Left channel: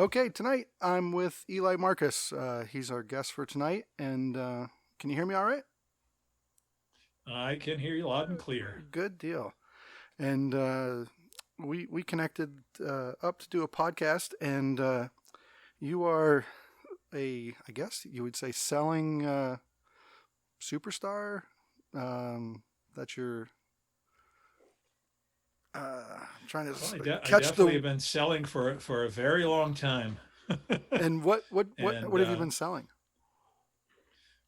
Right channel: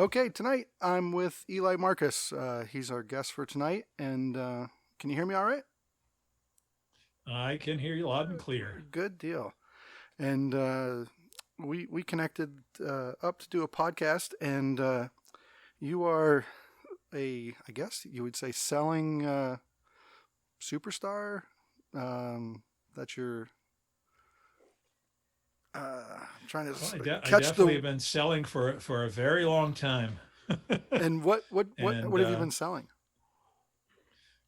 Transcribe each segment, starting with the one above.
Okay, tonight I'm with Eli Marcus. He's our guest for tonight, and can you hear me all right? I can hear you loud and clear. Good deal. And we connected up to do a podcast, and you are I guess you would say, selling superstar. That's your. I'm trying to Well, I catch definitely the. have been selling for a very long time. And what and have you been selling?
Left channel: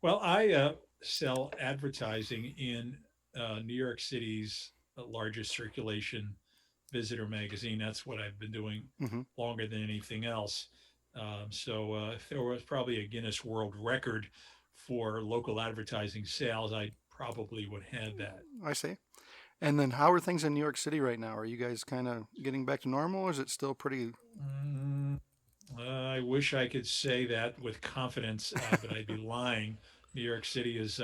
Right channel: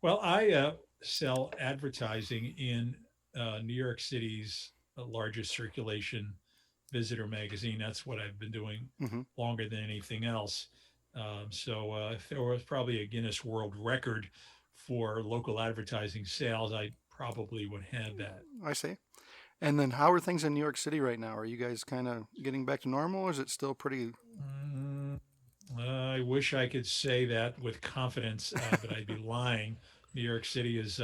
well, I sell advertising in New York City's largest circulation visitor magazine. That's what I've been doing Hmm. longer than anything else. So if there was probably a Guinness World Record for local advertising sales, I probably would have that. I see. And then how are things in New York City right now? Are you guys kind of getting back to normal, or is it still pretty? Mm, I wish I could say that with confidence, but I'd be lying. New York City is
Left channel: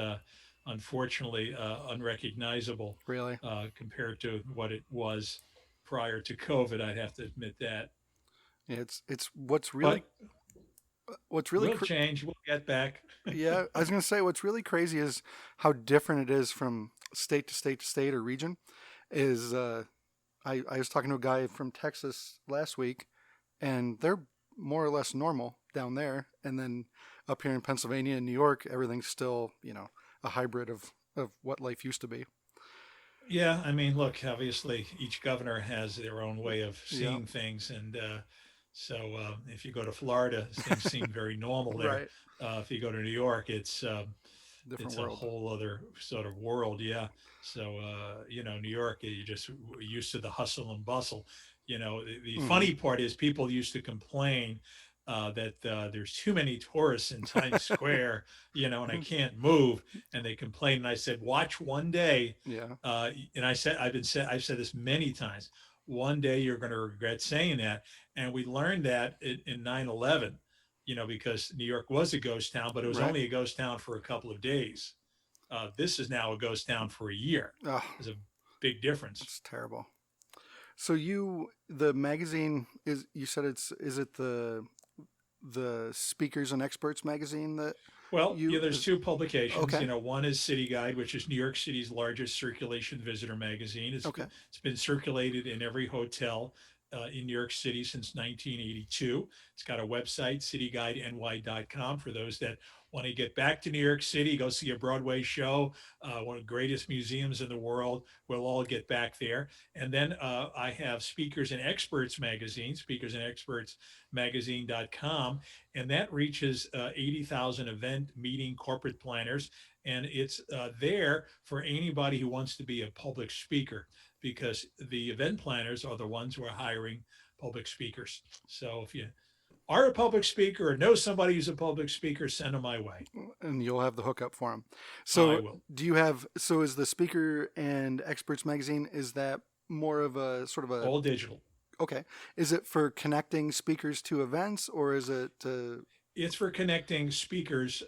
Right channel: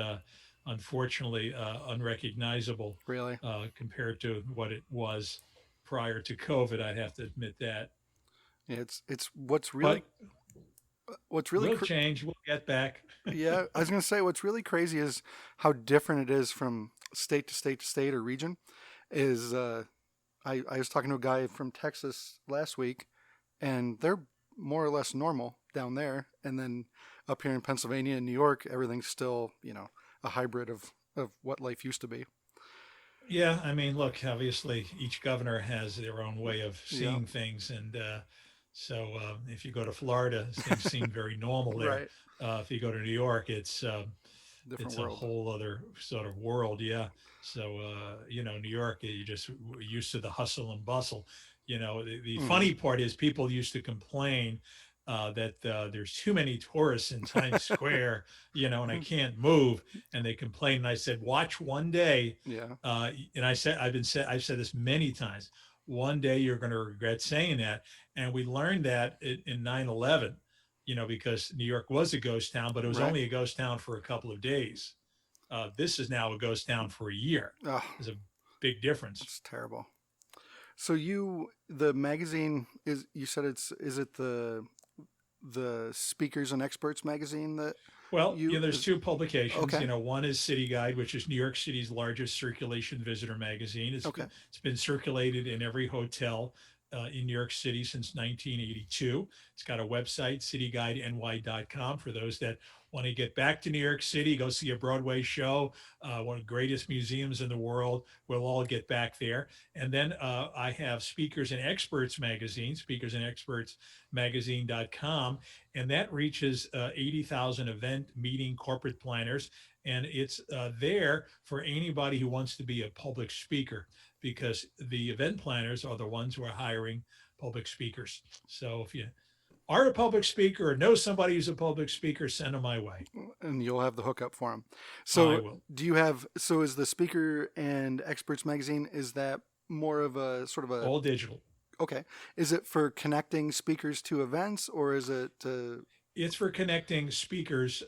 unfortunately unrecognizable Really? compared to what it was prior to COVID. I'd have to admit that. Yeah, it's what's really But what's really we'll cr- change. We'll get back. yeah, I was gonna say what's really crazy is how different it is from state to state to state or region. Is I was talking to a guy from Texas last week, and they're more or less normal down there, and then up here in Pennsylvania and New York, everything's still a hybrid of what life used to be. Yeah, I mean, look, obviously each governor has their own way of Yeah, seeing things, and so if you go to Florida, things seem very normal there. right. If you go to New York, Different it's a world. whole other sort of world. Yeah. So, New York, you just used to the hustle and bustle. The Hmm. funny part is people used to complain that there's too many tourists in Times Square, and I can't move. And they complained. And I said, watch one day. Yeah. And I've said this many times. One day you're going to regret saying that. And we learned that in 9/11, because New York was a ghost town, but it was Right. only a ghost town for a couple of days. This is now a ghost town for a year. Oh, There's a big difference. that's terrible. So the magazine is, you said is it the Speakers and Experts magazine that Well, you there's is two publications. okay, One is City Guide, which is New York City's largest circulation visitor magazine. okay, It's been circulated in every hotel in New York City since 1982. It's got a website, cityguideny.com, for those that want to get back to New York City, go see a Broadway show, one of the greatest museums in the world. We'll all get back there. And then I have Speakers and Experts magazine, speakersandexpertsmagazine.com, and that reaches 80,000 event, meeting, corporate planners. And it's there for anybody who wants to be a public speaker, because the event planners are the ones who are hiring public speakers. So if you are a public speaker or know somebody who's a public speaker, send them my way. and you'll have the hookup for them. I So will. is the Speaker and Experts magazine, is that more of a sort of a All digital. okay? Is it for connecting speakers to events, or is it It's for connecting speakers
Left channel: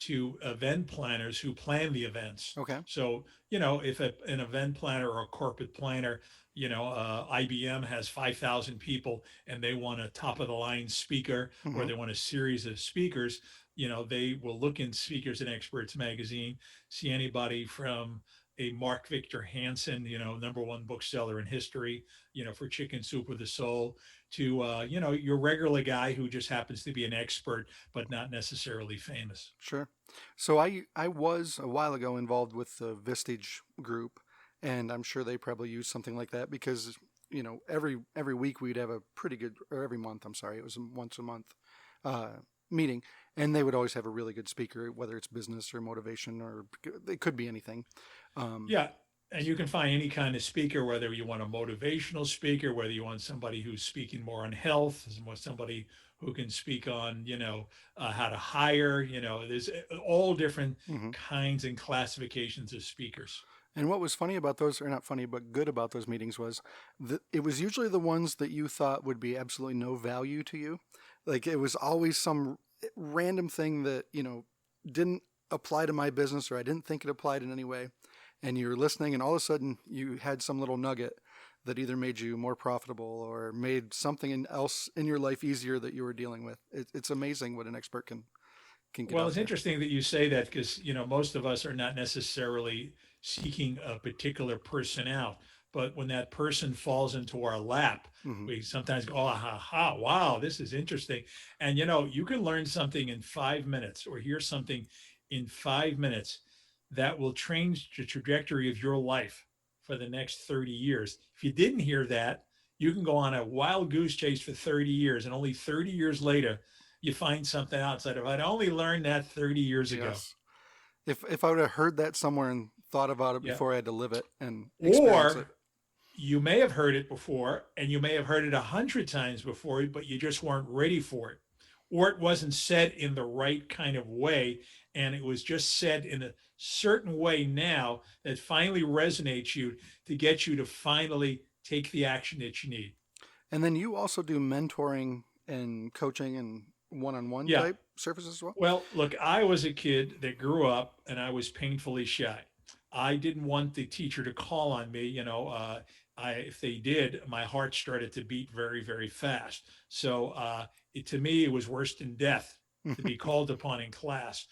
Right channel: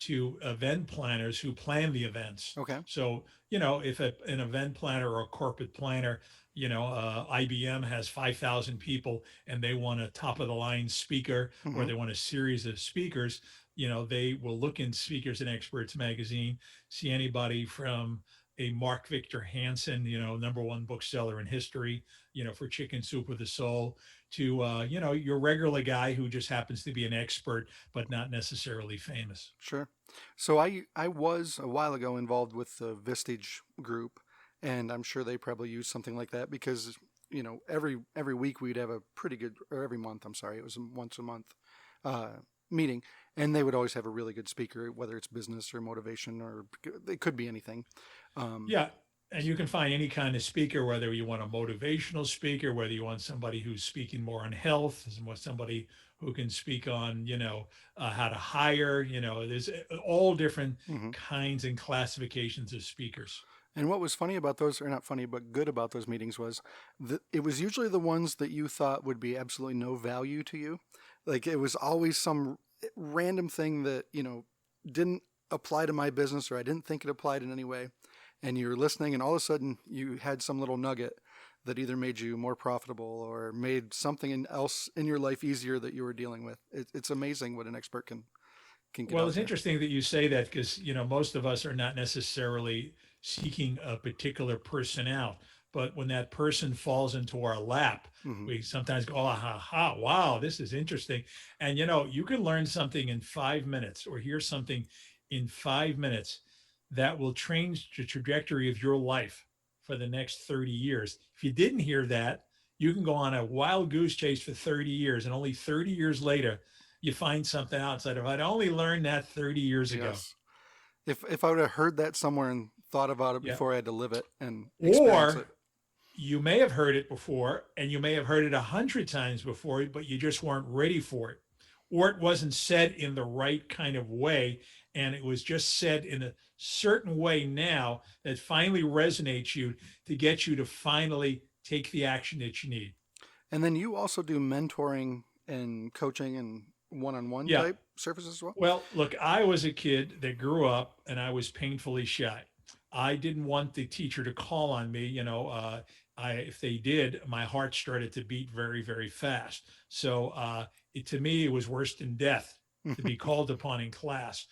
to event planners who plan the events. okay? So, if an event planner or a corporate planner, IBM has 5,000 people and they want a top of the line speaker, or Hmm. they want a series of speakers, they will look in Speakers and Experts magazine, see anybody from a Mark Victor Hansen, number one bookseller in history, for Chicken Soup with a Soul, to your regular guy who just happens to be an expert but not necessarily famous. Sure. So I was a while ago involved with the Vistage Group, and I'm sure they probably use something like that because every week we'd have a pretty good, or every month, I'm sorry, it was a once a month uh, meeting, and they would always have a really good speaker, whether it's business or motivation, or it could be anything. Um, Yeah. And you can find any kind of speaker, whether you want a motivational speaker, whether you want somebody who's speaking more on health, somebody who can speak on, how to hire, there's all different mhm. kinds and classifications of speakers. And what was funny about those, or not funny, but good about those meetings was that it was usually the ones that you thought would be absolutely no value to you. Like it was always some random thing that, didn't apply to my business, or I didn't think it applied in any way. And you were listening, and all of a sudden you had some little nugget that either made you more profitable or made something else in your life easier that you were dealing with. It's amazing what an expert can get Well, out it's there. interesting that you say that because, most of us are not necessarily seeking a particular person out. But when that person falls into our lap, Hmm. we sometimes go, oh, ha, ha, wow, this is interesting. And, you can learn something in 5 minutes or hear something in 5 minutes that will change the trajectory of your life for the next 30 years. If you didn't hear that, you can go on a wild goose chase for 30 years. And only 30 years later, you find something outside of I'd only learned that 30 years ago. Yes. If I would have heard that somewhere and thought about it Yeah. before I had to live it and experience Or it. you may have heard it before and you may have heard it 100 times before, but you just weren't ready for it. Or it wasn't said in the right kind of way. And it was just said in a certain way now that finally resonates you to get you to finally take the action that you need. And then you also do mentoring and coaching and one-on-one Yeah. type services as well. Well, look, I was a kid that grew up and I was painfully shy. I didn't want the teacher to call on me. If they did, my heart started to beat very, very fast. So to me, it was worse than death to be called upon in class.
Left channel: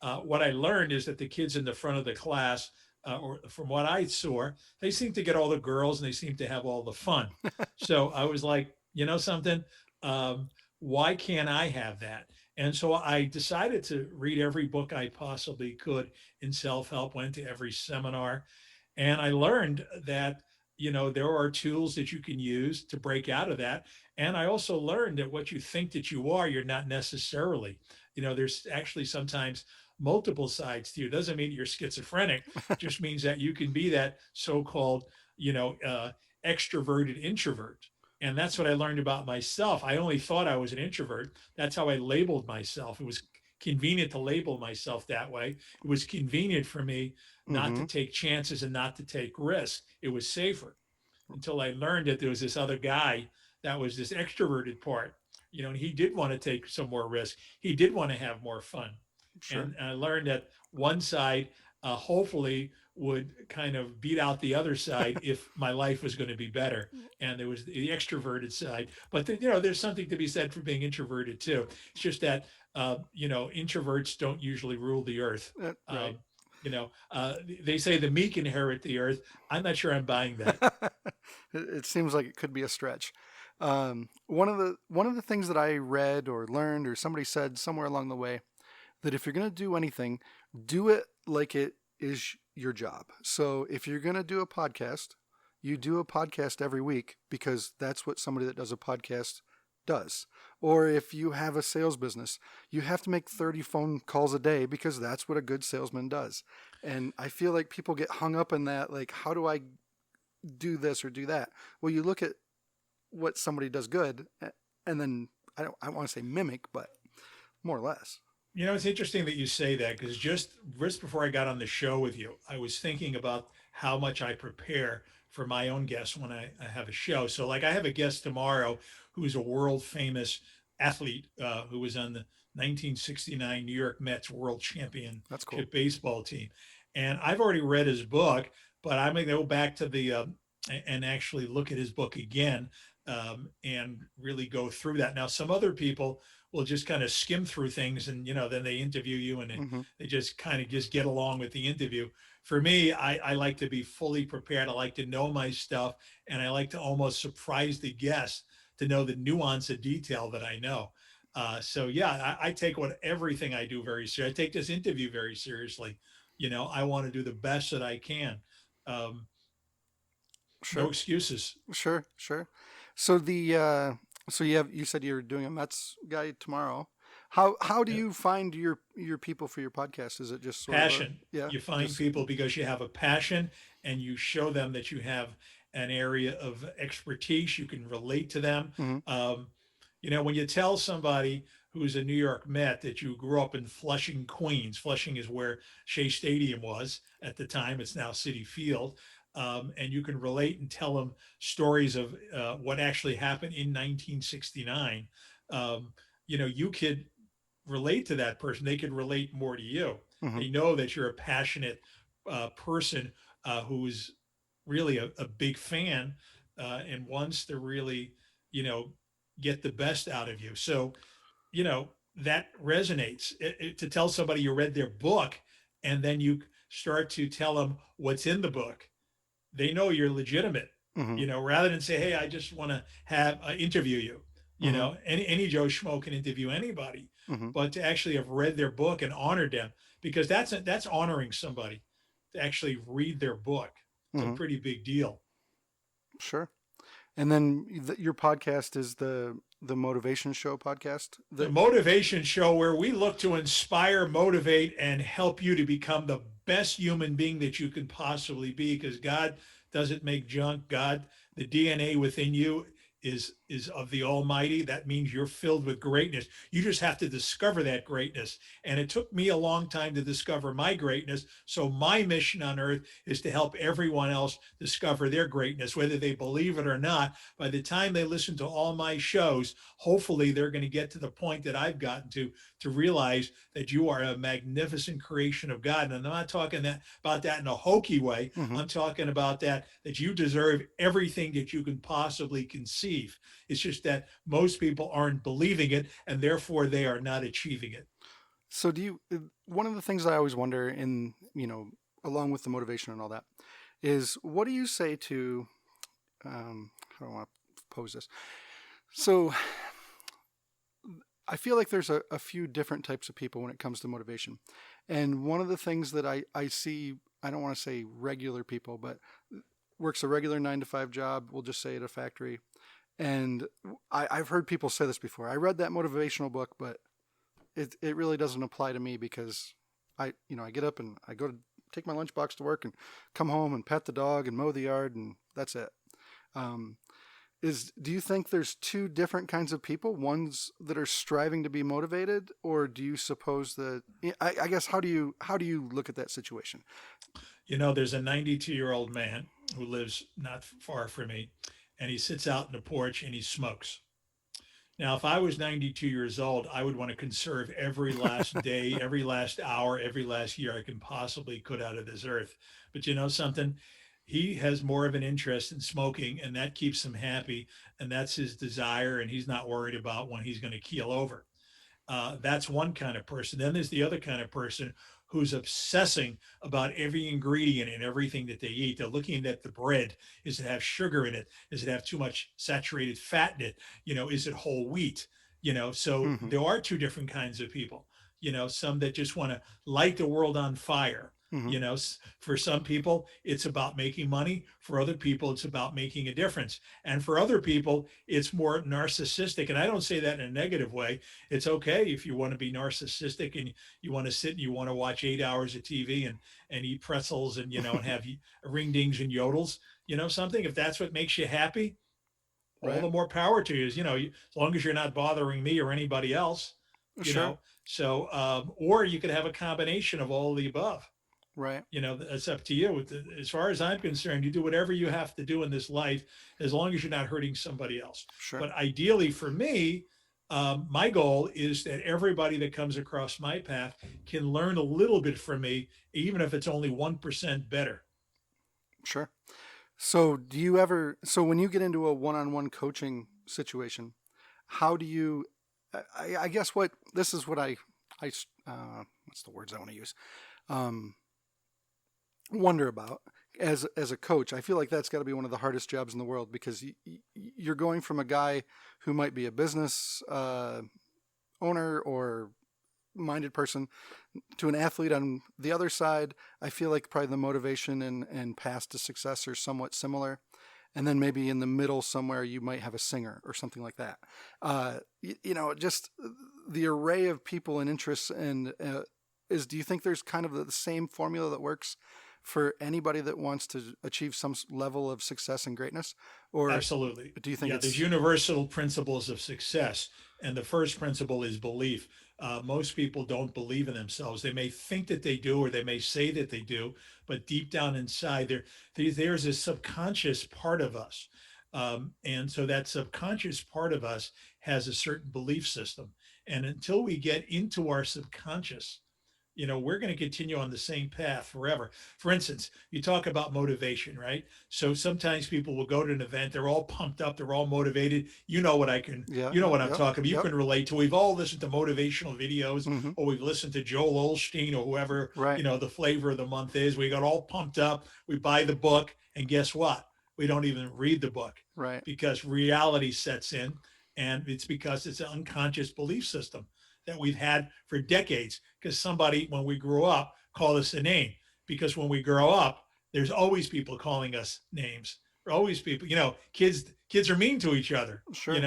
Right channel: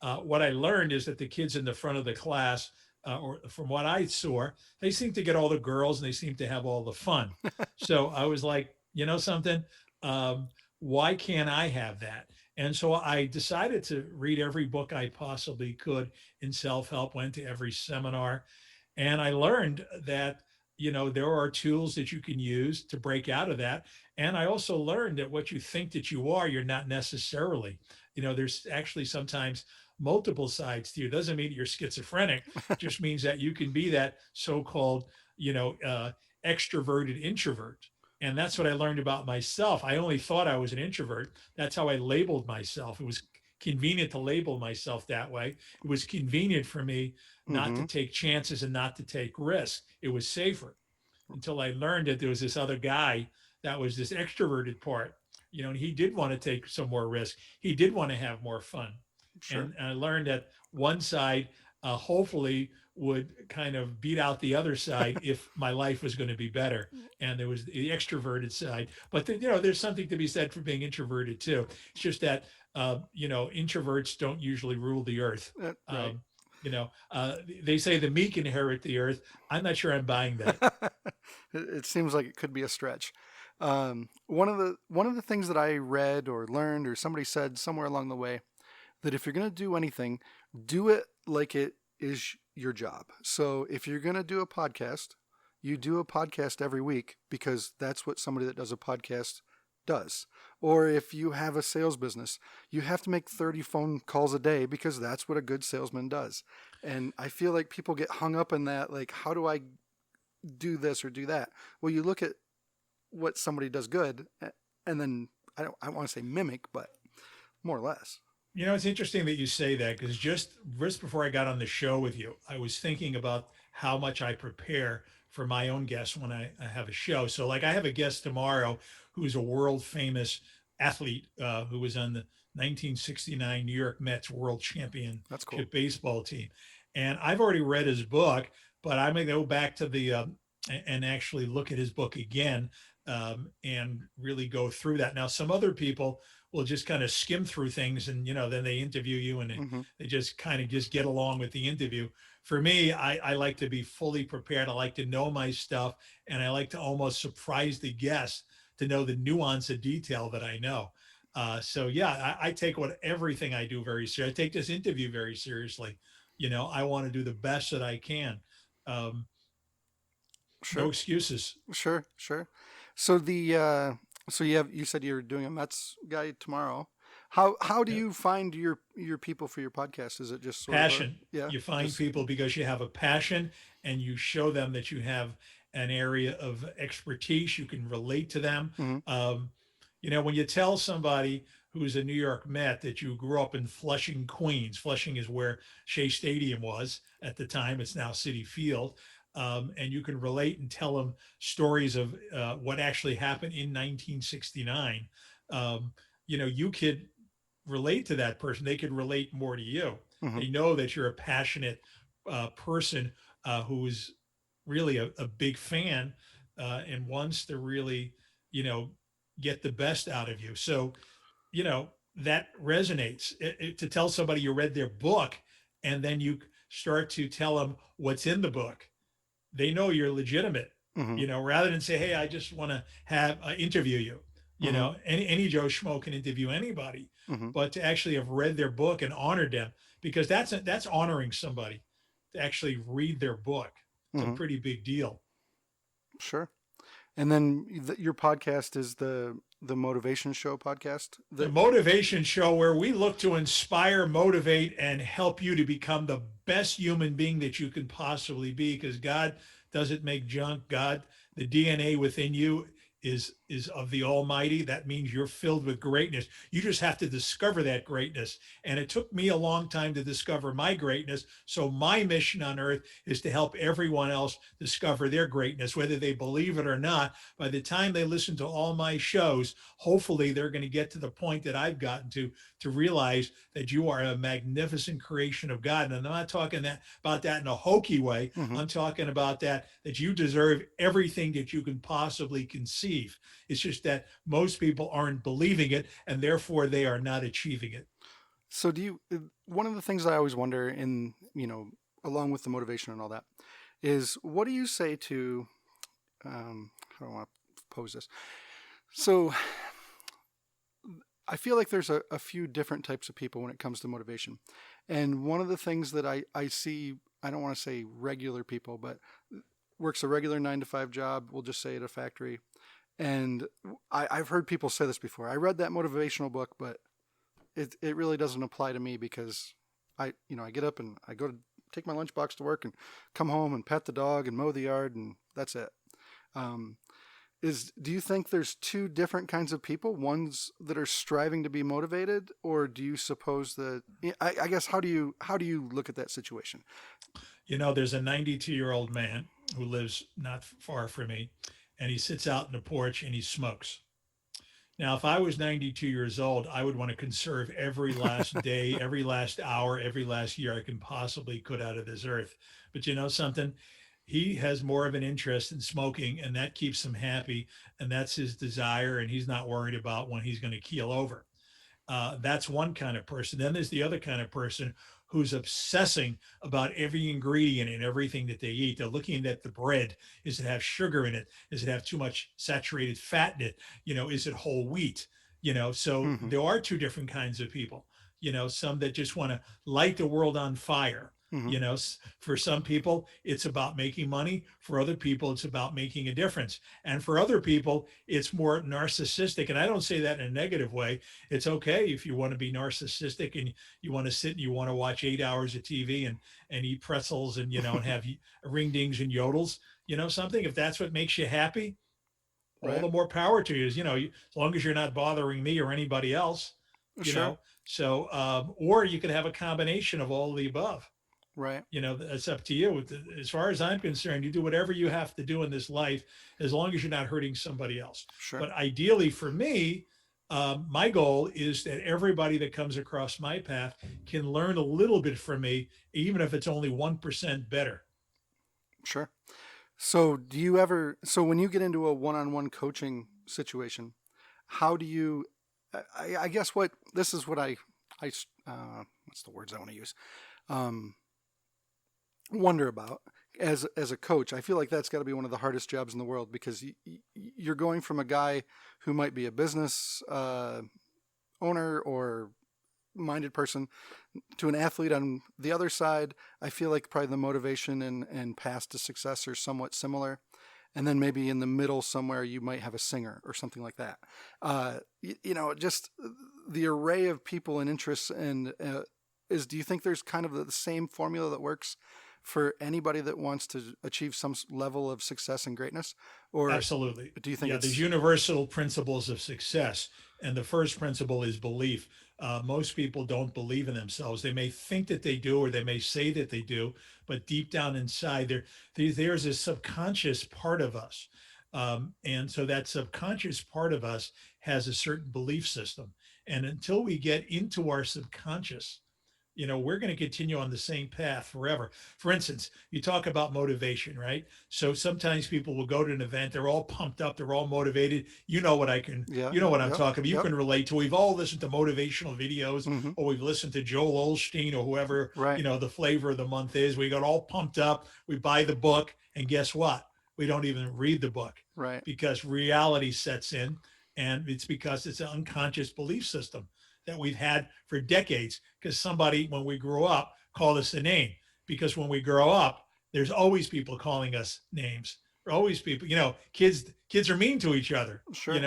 What I learned is that the kids in the front of the class, or from what I saw, they seem to get all the girls and they seem to have all the fun. So I was like, you know something? Um, why can't I have that? And so I decided to read every book I possibly could in self help, went to every seminar, and I learned that, there are tools that you can use to break out of that. And I also learned that what you think that you are, you're not necessarily. There's actually sometimes multiple sides to you. It doesn't mean you're schizophrenic, just means that you can be that so called, you know, uh, extroverted introvert. And that's what I learned about myself. I only thought I was an introvert. That's how I labeled myself. It was convenient to label myself that way. It was convenient for me not to Hmm. take chances and not to take risks. It was safer until I learned that there was this other guy that was this extroverted part, and he did want to take some more risk. He did want to have more fun. Sure. And I learned that one side hopefully would kind of beat out the other side if my life was going to be better. And there was the extroverted side, but there's something to be said for being introverted too. It's just that introverts don't usually rule the earth. Right. Um, they say the meek inherit the earth. I'm not sure I'm buying that. It seems like it could be a stretch. One of the things that I read or learned or somebody said somewhere along the way, that if you're going to do anything, do it like it is your job. So if you're going to do a podcast, you do a podcast every week because that's what somebody that does a podcast does. Or if you have a sales business, you have to make 30 phone calls a day because that's what a good salesman does. And I feel like people get hung up in that, like, how do I do this or do that? Well, you look at what somebody does good, and then I don't want to say mimic, but more or less. It's interesting that you say that because just before I got on the show with you, I was thinking about how much I prepare for my own guests when I have a show. So, like, I have a guest tomorrow who's a world famous athlete who was on the 1969 New York Mets world That's cool. championship baseball team. And I've already read his book, but I'm going to go back to and actually look at his book again and really go through that. Now, some other people will just kind of skim through things and then they interview you and Hmm. they just kind of just get along with the interview. For me, I like to be fully prepared. I like to know my stuff and I like to almost surprise the guest to know the nuance of detail that I know. So yeah, I take everything I do very seriously. I take this interview very seriously. I want to do the best that I can. um, no Sure, excuses. sure. So you said you're doing a Mets guy tomorrow. How do Yeah. you find your people for your podcast? Is it just sort of a Passion. yeah, You find just people because you have a passion and you show them that you have an area of expertise. You can relate to them. hmm Um, when you tell somebody who's a New York Met that you grew up in Flushing, Queens, Flushing is where Shea Stadium was at the time, it's now City Field. And you can relate and tell them stories of what actually happened in 1969. Um, you could relate to that person. They could relate more to you. hmm They know that you're a passionate person who's really a big fan. and wants to really, you know, get the best out of you. So, you know, that resonates. To tell somebody you read their book and then you start to tell them what's in the book, they know you're legitimate, Mm-hmm. rather than say, hey, I just want to have interview you. Mm-hmm. Any Joe Schmo can interview anybody, Mm-hmm. but to actually have read their book and honored them, because that's honoring somebody to actually read their book. It's a Mm-hmm. pretty big deal. Sure. And then your podcast is the Motivation Show podcast. The motivation show, where we look to inspire, motivate, and help you to become the best human being that you can possibly be, because God doesn't make junk. God, the DNA within you is of the Almighty. That means you're filled with greatness. You just have to discover that greatness. And it took me a long time to discover my greatness. So my mission on earth is to help everyone else discover their greatness, whether they believe it or not. By the time they listen to all my shows, hopefully they're going to get to the point that I've gotten to realize that you are a magnificent creation of God. And I'm not talking about that in a hokey way. Mm-hmm. I'm talking about that you deserve everything that you can possibly conceive. It's just that most people aren't believing it, and therefore they are not achieving it. So do you? One of the things I always wonder, in along with the motivation and all that, is what do you say to? How do I want to pose this? So I feel like there's a few different types of people when it comes to motivation. And one of the things that I see, I don't want to say regular people, but works a regular 9 to 5 job, we'll just say at a factory. And I've heard people say this before. I read that motivational book, but it really doesn't apply to me because I get up and I go to take my lunchbox to work and come home and pet the dog and mow the yard and that's it. Um, do you think there's two different kinds of people, ones that are striving to be motivated, or do you suppose that I guess how do you look at that situation? There's a 92-year-old man who lives not far from me, and he sits out in the porch and he smokes. Now, if I was 92 years old, I would want to conserve every last day, every last hour, every last year I can possibly put out of this earth. But you know something? He has more of an interest in smoking, and that keeps him happy. And that's his desire. And he's not worried about when he's going to keel over. That's one kind of person. Then there's the other kind of person who's obsessing about every ingredient and everything that they eat. They're looking at the bread. Does it have sugar in it? Does it have too much saturated fat in it? Is it whole wheat? So Mm-hmm. there are two different kinds of people. Some that just want to light the world on fire. Mm-hmm. For some people, it's about making money. For other people, it's about making a difference. And for other people, it's more narcissistic. And I don't say that in a negative way. It's okay if you want to be narcissistic and you want to sit and you want to watch 8 hours of TV and eat pretzels and, and have ring dings and yodels, something. If that's what makes you happy, all Right. the more power to you. As long as you're not bothering me or anybody else, you Sure. know. So, or you could have a combination of all of the above. Right. It's up to you. As far as I'm concerned, you do whatever you have to do in this life, as long as you're not hurting somebody else. Sure. But ideally, for me, my goal is that everybody that comes across my path can learn a little bit from me, even if it's only 1% better. Sure. So do you ever? So when you get into a one-on-one coaching situation, how do you? I guess what this is what what's the words I want to use? Um, Wonder about as a coach. I feel like that's got to be one of the hardest jobs in the world because you're going from a guy who might be a business owner or minded person to an athlete on the other side. I feel like probably the motivation and path to success are somewhat similar. And then maybe in the middle somewhere you might have a singer or something like that. Just the array of people and interests and do you think there's kind of the same formula that works for anybody that wants to achieve some level of success and greatness? Or Absolutely. do you think Yeah, there's it's, universal principles of success. And the first principle is belief. Most people don't believe in themselves. They may think that they do, or they may say that they do, but deep down inside, there's a subconscious part of us. And so that subconscious part of us has a certain belief system. And until we get into our subconscious, we're going to continue on the same path forever. For instance, you talk about motivation, right? So sometimes people will go to an event, they're all pumped up, they're all motivated. Yeah, You know yeah, what I'm yep, talking about. You yep. can relate to. We've all listened to motivational videos, Hmm. or we've listened to Joel Osteen or whoever, Right, the flavor of the month is. We got all pumped up. We buy the book, and guess what? We don't even read the book right. because reality sets in, and it's because it's an unconscious belief system that we've had for decades because somebody, when we grew up, called us a name. Because when we grow up, there's always people calling us names. Always people, kids are mean to each other, Sure.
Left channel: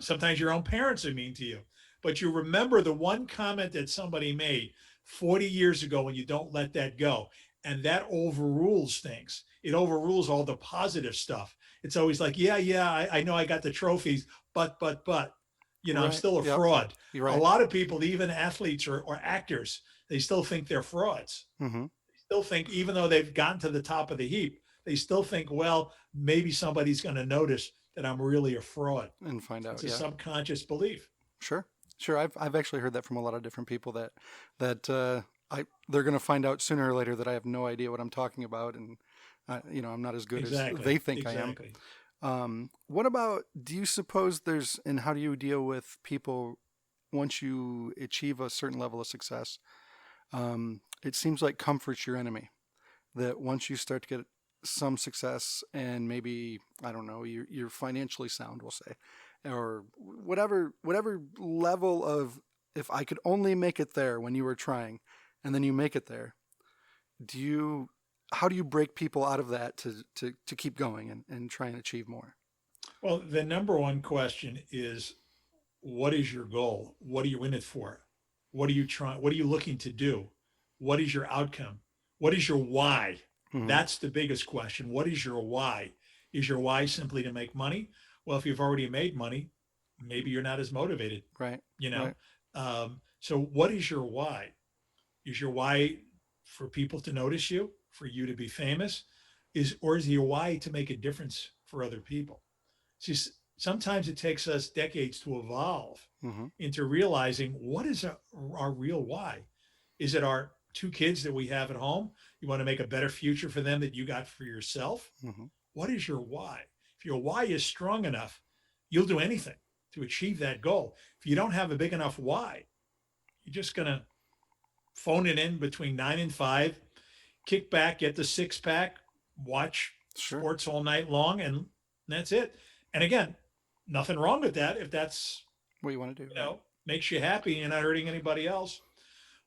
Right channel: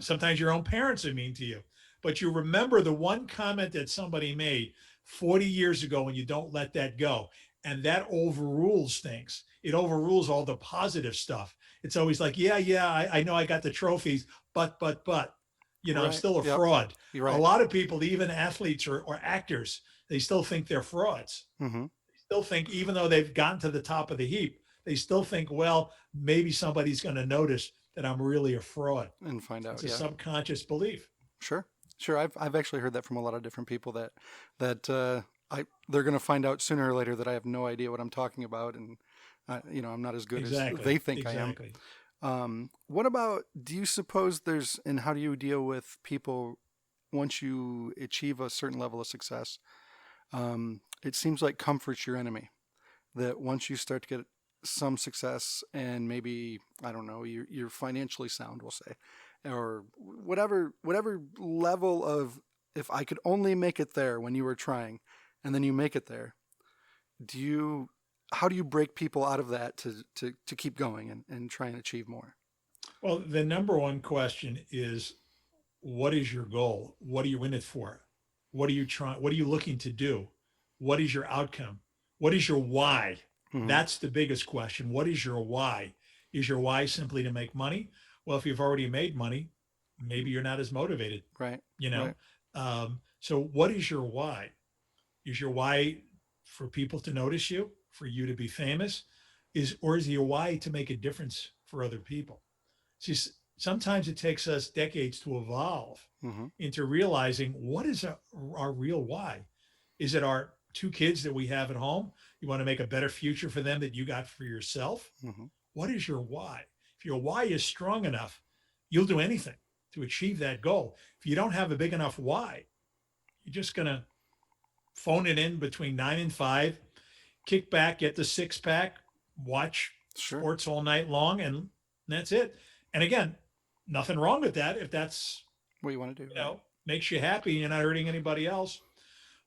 sometimes your own parents are mean to you. But you remember the one comment that somebody made 40 years ago, and you don't let that go. And that overrules things. It overrules all the positive stuff. It's always like, yeah, yeah, I know I got the trophies, but, I'm Right. still a Yep. fraud. You're A right. lot of people, even athletes or actors, they still think they're frauds. Hmm. They still think, even though they've gotten to the top of the heap, they still think, well, maybe somebody's going to notice that I'm really a fraud. And find It's out. a Yeah. subconscious belief. Sure. Sure. I've actually heard that from a lot of different people that they're going to find out sooner or later that I have no idea what I'm talking about, and I'm not as good as Exactly. they think I am. Exactly. What about? Do you suppose there's and how do you deal with people once you achieve a certain level of success? It seems like comfort's your enemy. That once you start to get some success and maybe I don't know you're financially sound, we'll say, or whatever level of if I could only make it there when you were trying, and then you make it there. Do you how do you break people out of that to keep going and try and achieve more? Well, the number one question is, what is your goal? What are you in it for? What are you trying? What are you looking to do? What is your outcome? What is your why? Hmm. That's the biggest question. What is your why? Is your why simply to make money? Well, if you've already made money, maybe you're not as motivated, Right, you know? right. So, what is your why? Is your why for people to notice you, for you to be famous? Or is your why to make a difference for other people? See, sometimes it takes us decades to evolve Hmm. into realizing what is our real why. Is it our two kids that we have at home? You want to make a better future for them that you got for yourself? Hmm. What is your why? If your why is strong enough, you'll do anything to achieve that goal. If you don't have a big enough why, you're just going to phone it in between 9 and 5, kick back, get the six pack, watch Sure. sports all night long, and that's it. And again, nothing wrong with that if that's, What you want to do, right? makes you happy and you're not hurting anybody else.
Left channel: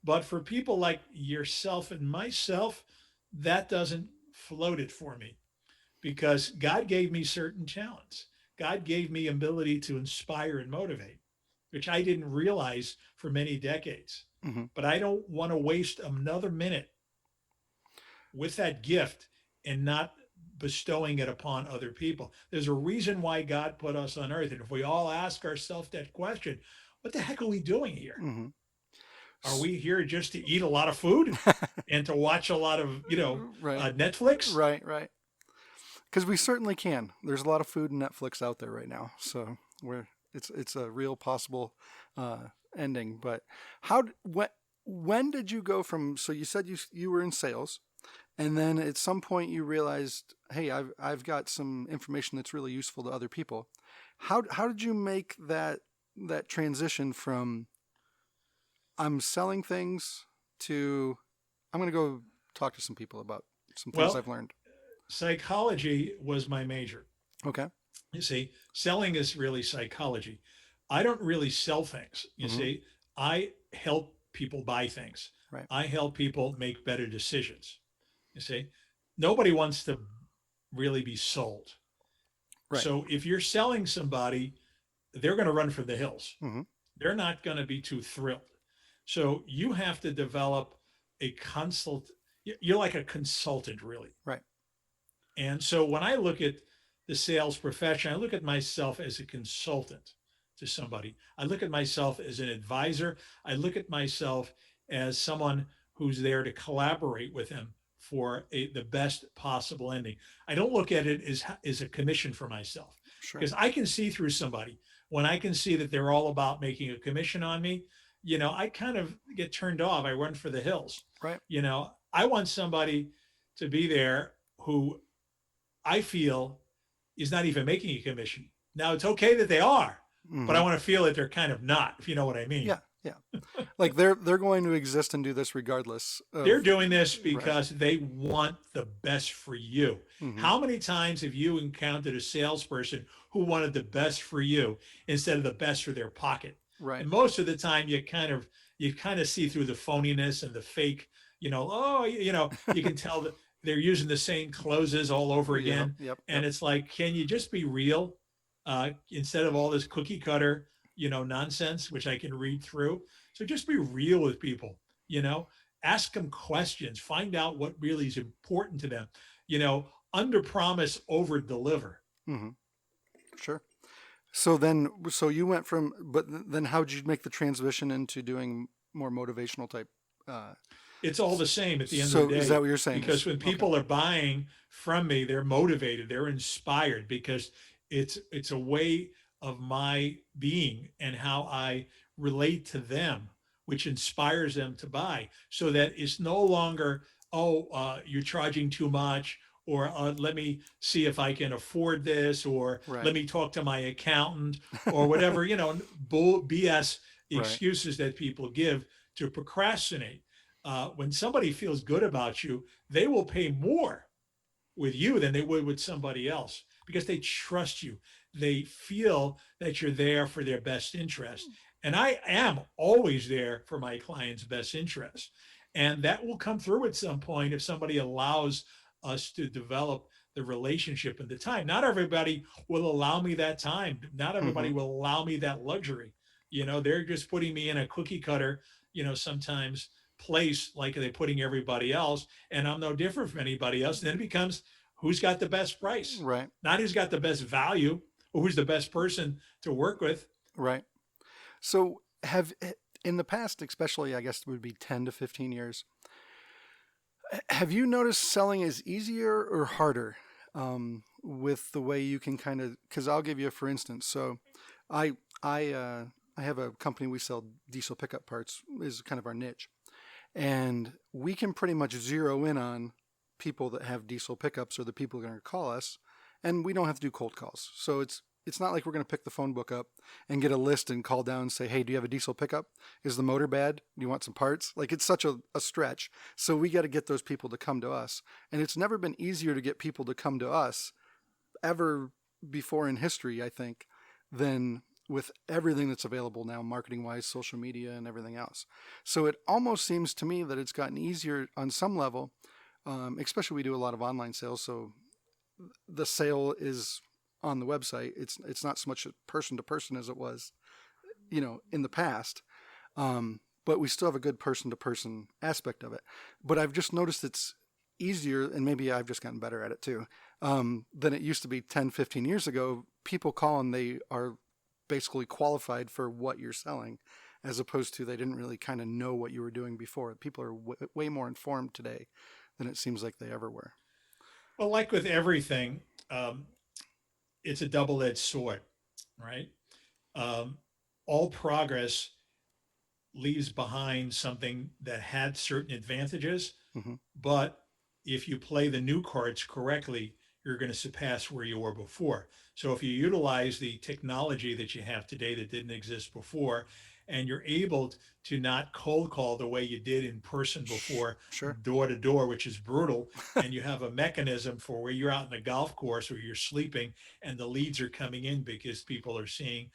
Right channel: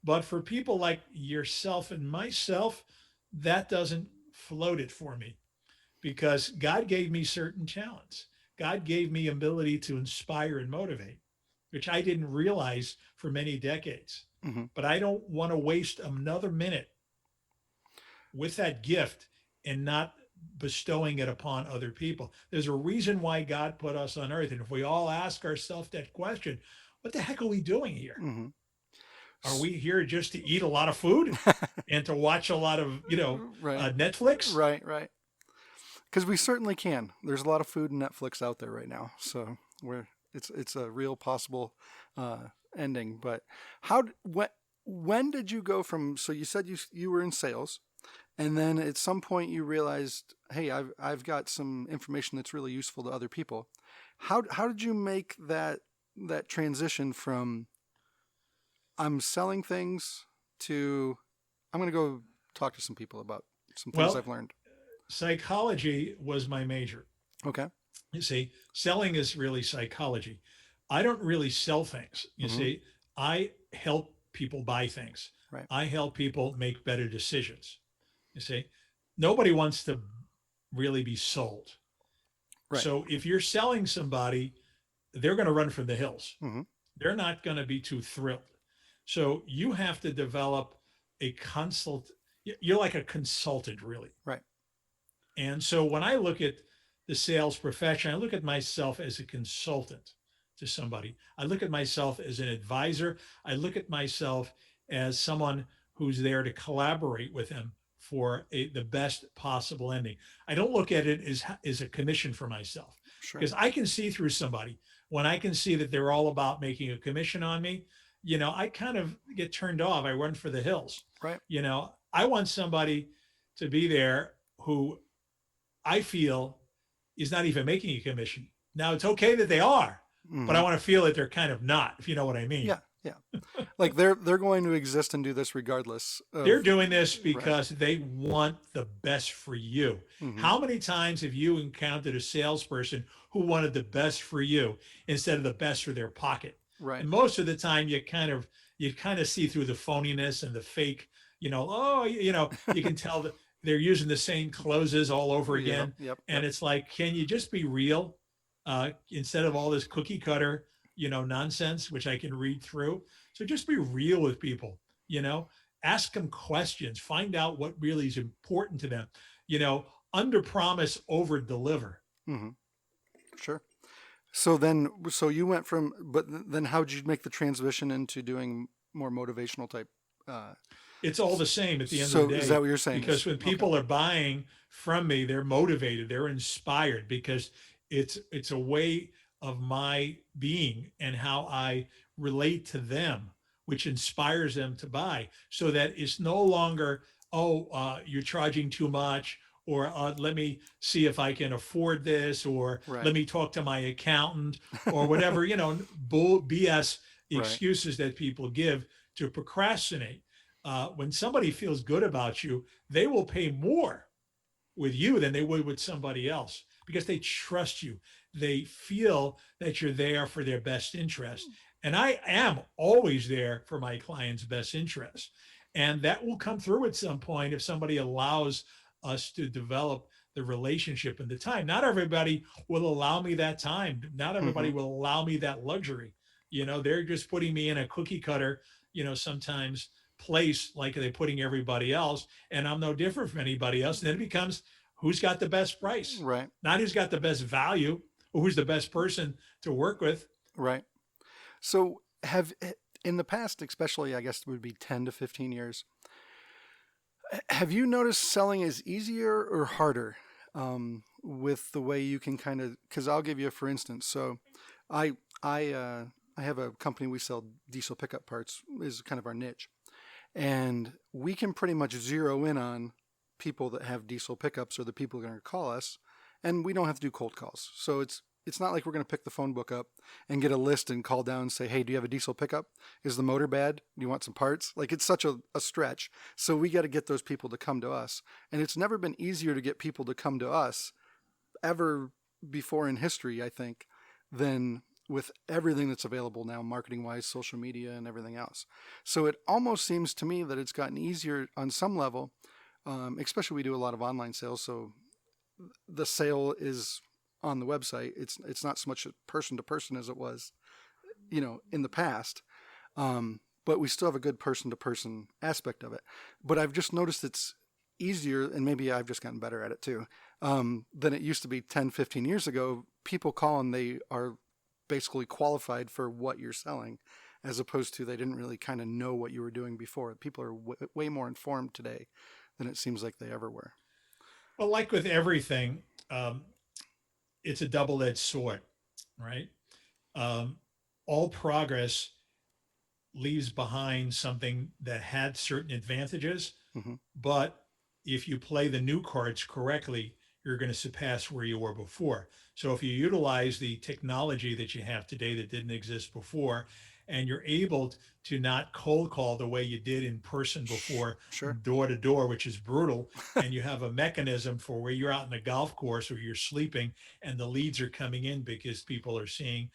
But for people like yourself and myself, that doesn't float it for me because God gave me certain talents. God gave me ability to inspire and motivate, which I didn't realize for many decades. Hmm. But I don't want to waste another minute with that gift and not bestowing it upon other people. There's a reason why God put us on earth. And if we all ask ourselves that question, what the heck are we doing here? Hmm. Are we here just to eat a lot of food and to watch a lot of, Right, Netflix? right, right. Because we certainly can. There's a lot of food and Netflix out there right now, so we're it's a real possible ending. But when did you go from? So you said you were in sales, and then at some point you realized, hey, I've got some information that's really useful to other people. How did you make that transition from I'm selling things to I'm going to go talk to some people about some things Well, I've learned? psychology was my major. Okay. You see, selling is really psychology. I don't really sell things. You Mm-hmm. see, I help people buy things. Right. I help people make better decisions. You see, nobody wants to really be sold. Right. So if you're selling somebody, they're going to run for the hills. Mm-hmm. They're not going to be too thrilled. So you have to develop a consult. You're like a consultant, really. Right. And so when I look at the sales profession, I look at myself as a consultant to somebody. I look at myself as an advisor. I look at myself as someone who's there to collaborate with them for the best possible ending. I don't look at it as a commission for myself Sure. because I can see through somebody when I can see that they're all about making a commission on me. I kind of get turned off. I run for the hills. Right. I want somebody to be there who I feel is not even making a commission. Now it's okay that they are, but I Hmm. want to feel that they're kind of not, if you know what I mean. Yeah. Yeah. Like they're going to exist and do this regardless They're of. doing this Right. because they want the best for you. Hmm. How many times have you encountered a salesperson who wanted the best for you instead of the best for their pocket? Right. And most of the time you kind of see through the phoniness and the fake, you can tell that they're using the same closes all over Yeah. again. Yep. And Yep. it's like, can you just be real? Instead of all this cookie cutter, nonsense, which I can read through. So just be real with people, you know, ask them questions, find out what really is important to them, you know, under promise, over deliver. Hmm. Sure. So you went from, but then how did you make the transition into doing more motivational type? Uh, It's all the same at the end of the so is that day, what you're saying? because Is when okay. people are buying from me, they're motivated, they're inspired, because it's a way of my being and how I relate to them, which inspires them to buy, so that it's no longer, oh, you're charging too much, or let me see if I can afford this, or Right. let me talk to my accountant, or whatever, bull BS Right. excuses that people give to procrastinate. When somebody feels good about you, they will pay more with you than they would with somebody else, because they trust you. They feel that you're there for their best interest. And I am always there for my client's best interest. And that will come through at some point if somebody allows us to develop the relationship and the time. Not everybody will allow me that time. Not everybody Hmm. will allow me that luxury. They're just putting me in a cookie cutter, sometimes place like they're putting everybody else, and I'm no different from anybody else. And then it becomes who's got the best price, Right. not who's got the best value or who's the best person to work with. Right. So have in the past, especially I guess it would be 10 to 15 years, have you noticed selling is easier or harder with the way you can kind of? Because I'll give you a for instance. So, I I I have a company we sell diesel pickup parts is kind of our niche, and we can pretty much zero in on people that have diesel pickups or the people who are going to call us, and we don't have to do cold calls. So it's not like we're going to pick the phone book up and get a list and call down and say, hey, do you have a diesel pickup? Is the motor bad? Do you want some parts? Like it's such a stretch. So we got to get those people to come to us. And it's never been easier to get people to come to us ever before in history, I think, than with everything that's available now, marketing wise, social media, and everything else. So it almost seems to me that it's gotten easier on some level, especially we do a lot of online sales. So the sale is on the website. It's not so much person to person as it was, in the past. But we still have a good person to person aspect of it. But I've just noticed it's easier, and maybe I've just gotten better at it too, than it used to be 10, 15 years ago. People call and they are basically qualified for what you're selling, as opposed to they didn't really kind of know what you were doing before. People are way more informed today than it seems like they ever were. Well, like with everything, um, it's a double-edged sword, right? Um, all progress leaves behind something that had certain advantages, Hmm. but if you play the new cards correctly, you're going to surpass where you were before. So if you utilize the technology that you have today that didn't exist before, and you're able to not cold call the way you did in person before, Sure. door to door, which is brutal, and you have a mechanism for where you're out in a golf course or you're sleeping and the leads are coming in because people are seeing,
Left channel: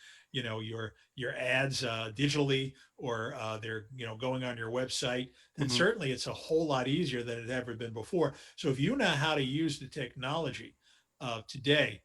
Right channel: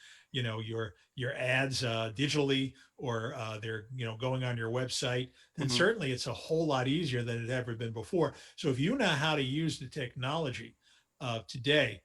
your ads digitally, or they're going on your website, then Hmm. certainly it's a whole lot easier than it ever been before. So if you know how to use the technology today,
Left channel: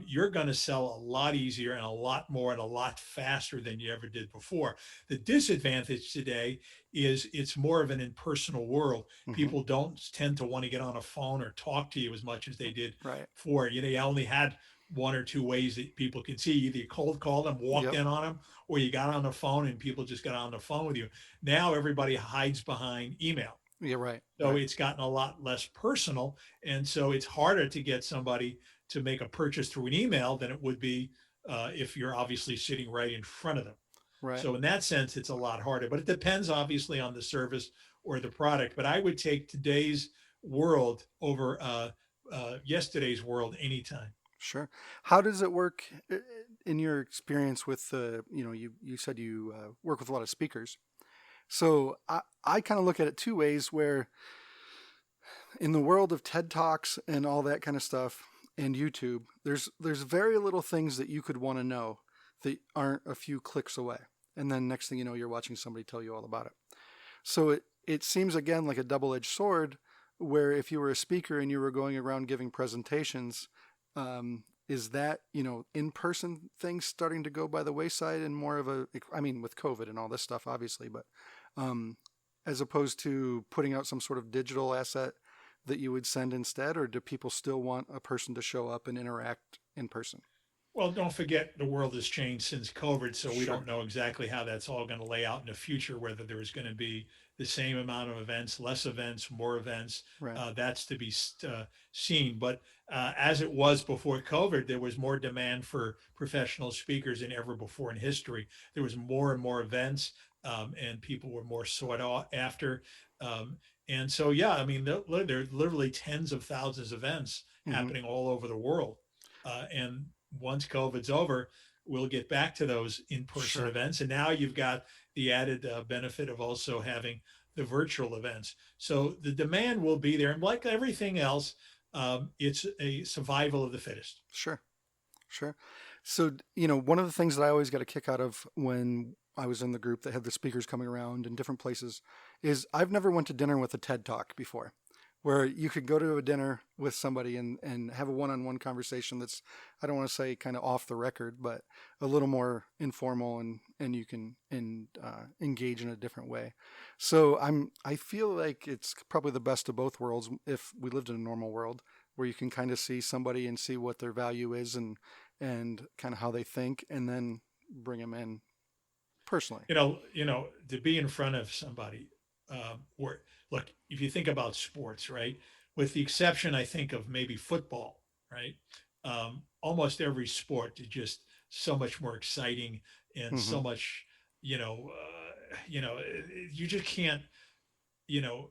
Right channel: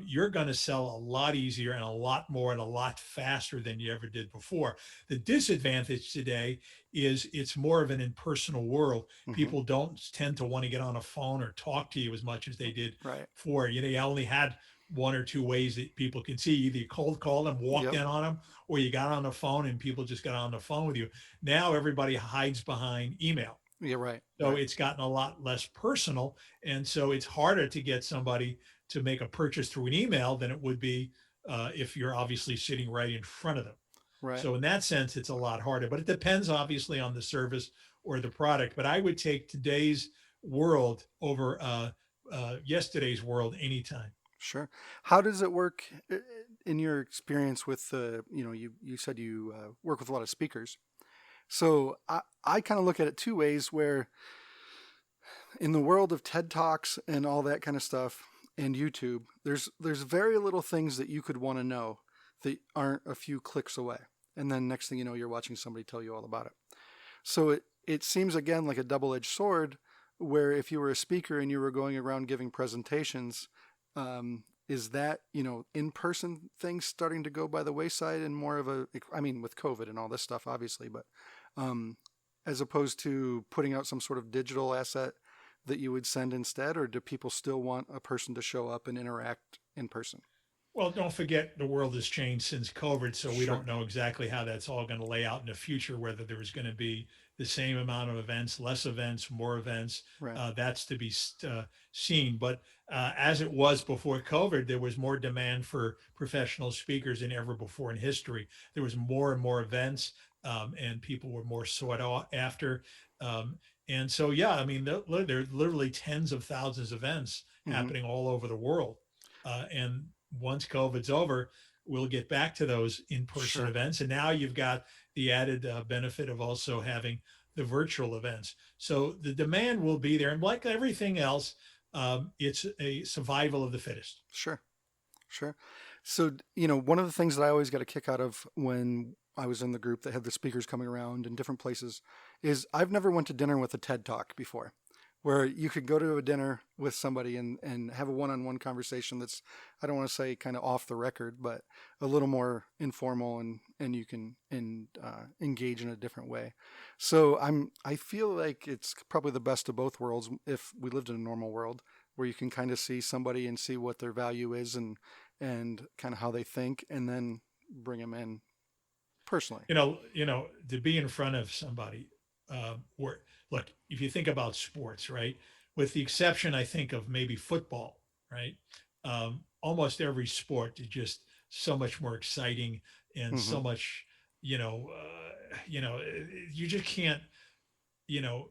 you're going to sell a lot easier and a lot more and a lot faster than you ever did before. The disadvantage today is it's more of an impersonal world. Hmm. People don't tend to want to get on a phone or talk to you as much as they did Right. before. You only had one or two ways that people can see. Either you cold called them, walked Yep. in on them, or you got on the phone and people just got on the phone with you. Now everybody hides behind email. Yeah. Right. So Right. it's gotten a lot less personal. And so it's harder to get somebody to make a purchase through an email than it would be if you're obviously sitting right in front of them. Right. So in that sense, it's a lot harder, but it depends obviously on the service or the product. But I would take today's world over yesterday's world anytime. Sure. How does it work in your experience with you said you work with a lot of speakers. So I kind of look at it two ways where in the world of TED Talks and all that kind of stuff and YouTube, there's very little things that you could want to know that aren't a few clicks away. And then next thing you know, you're watching somebody tell you all about it. So it seems again like a double-edged sword where if you were a speaker and you were going around giving presentations, is that, in-person things starting to go by the wayside and more of I mean, with COVID and all this stuff, obviously, but as opposed to putting out some sort of digital asset that you would send instead, or do people still want a person to show up and interact in person? Well, don't forget the world has changed since COVID, so we Sure. don't know exactly how that's all going to lay out in the future, whether there's going to be the same amount of events, less events, more events. Right. That's to be seen. But as it was before COVID, there was more demand for professional speakers than ever before in history. There was more and more events, and people were more sought after. And so, yeah, I mean, there are literally tens of thousands of events Mm-hmm. happening all over the world. And once COVID's over, we'll get back to those in-person Sure. events. And now you've got the added benefit of also having the virtual events. So the demand will be there. And like everything else, it's a survival of the fittest. Sure. Sure. So, one of the things that I always got a kick out of when I was in the group that had the speakers coming around in different places is I've never went to dinner with a TED Talk before, where you could go to a dinner with somebody and have a one-on-one conversation that's, I don't want to say kind of off the record, but a little more informal and you can engage in a different way. So I feel like it's probably the best of both worlds if we lived in a normal world where you can kind of see somebody and see what their value is and kind of how they think and then bring them in personally. To be in front of somebody, where look, if you think about sports, right, with the exception, I think of maybe football, right, almost every sport is just so much more exciting and Mm-hmm. so much, you know, you just can't, you know,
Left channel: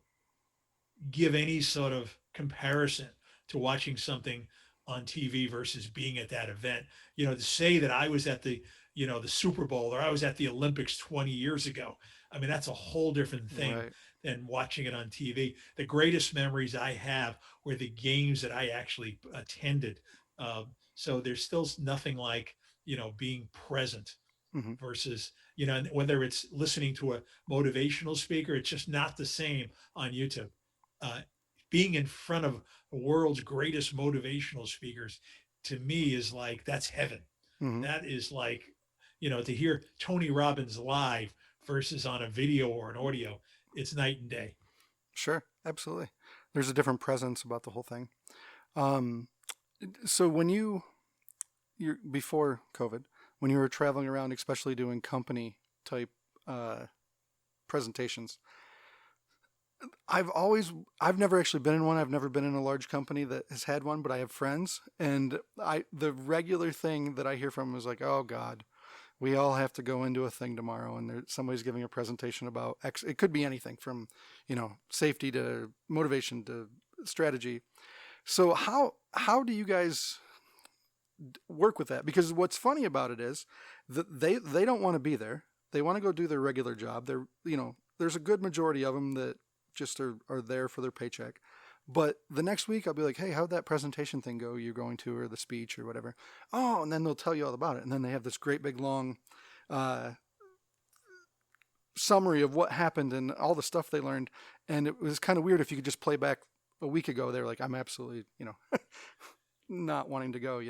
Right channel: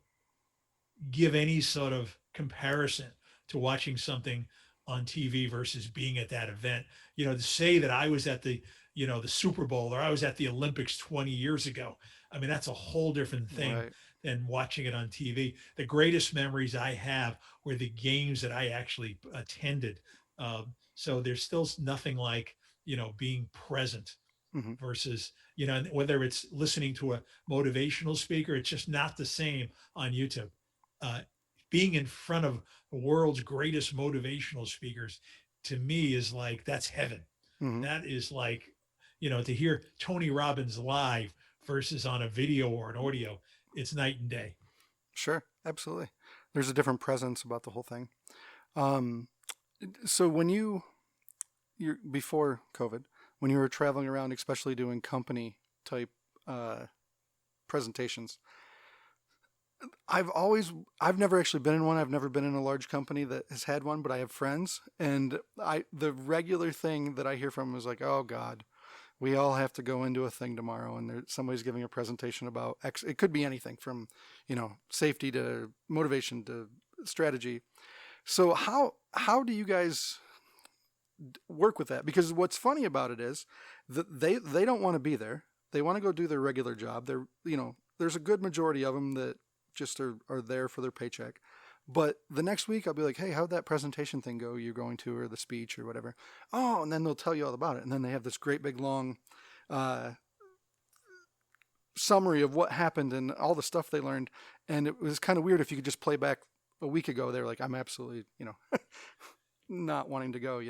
give any sort of comparison to watching something on TV versus being at that event. To say that I was at the Super Bowl or I was at the Olympics 20 years ago, I mean, that's a whole different thing Right. than watching it on TV. The greatest memories I have were the games that I actually attended. So there's still nothing like, being present Mm-hmm. versus, whether it's listening to a motivational speaker, it's just not the same on YouTube. Uh, Being in front of the world's greatest motivational speakers to me is like, that's heaven. Mm-hmm. That is like, to hear Tony Robbins live versus on a video or an audio, it's night and day. Sure. Absolutely. There's a different presence about the whole thing. Um, so you're before COVID, when you were traveling around, especially doing company type uh, presentations, I've never actually been in one. I've never been in a large company that has had one, but I have friends, and the regular thing that I hear from them is like, oh God, we all have to go into a thing tomorrow, and somebody's giving a presentation about X. It could be anything from, safety to motivation to strategy. So how do you guys work with that? Because what's funny about it is that they don't want to be there. They want to go do their regular job. There's a good majority of them that just are there for their paycheck. But the next week I'll be like, hey, how'd that presentation thing go you're going to, or the speech or whatever? Oh, and then they'll tell you all about it. And then they have this great big long uh, summary of what happened and all the stuff they learned. And it was kind of weird if you could just play back a week ago. They were like, I'm absolutely, not wanting to go.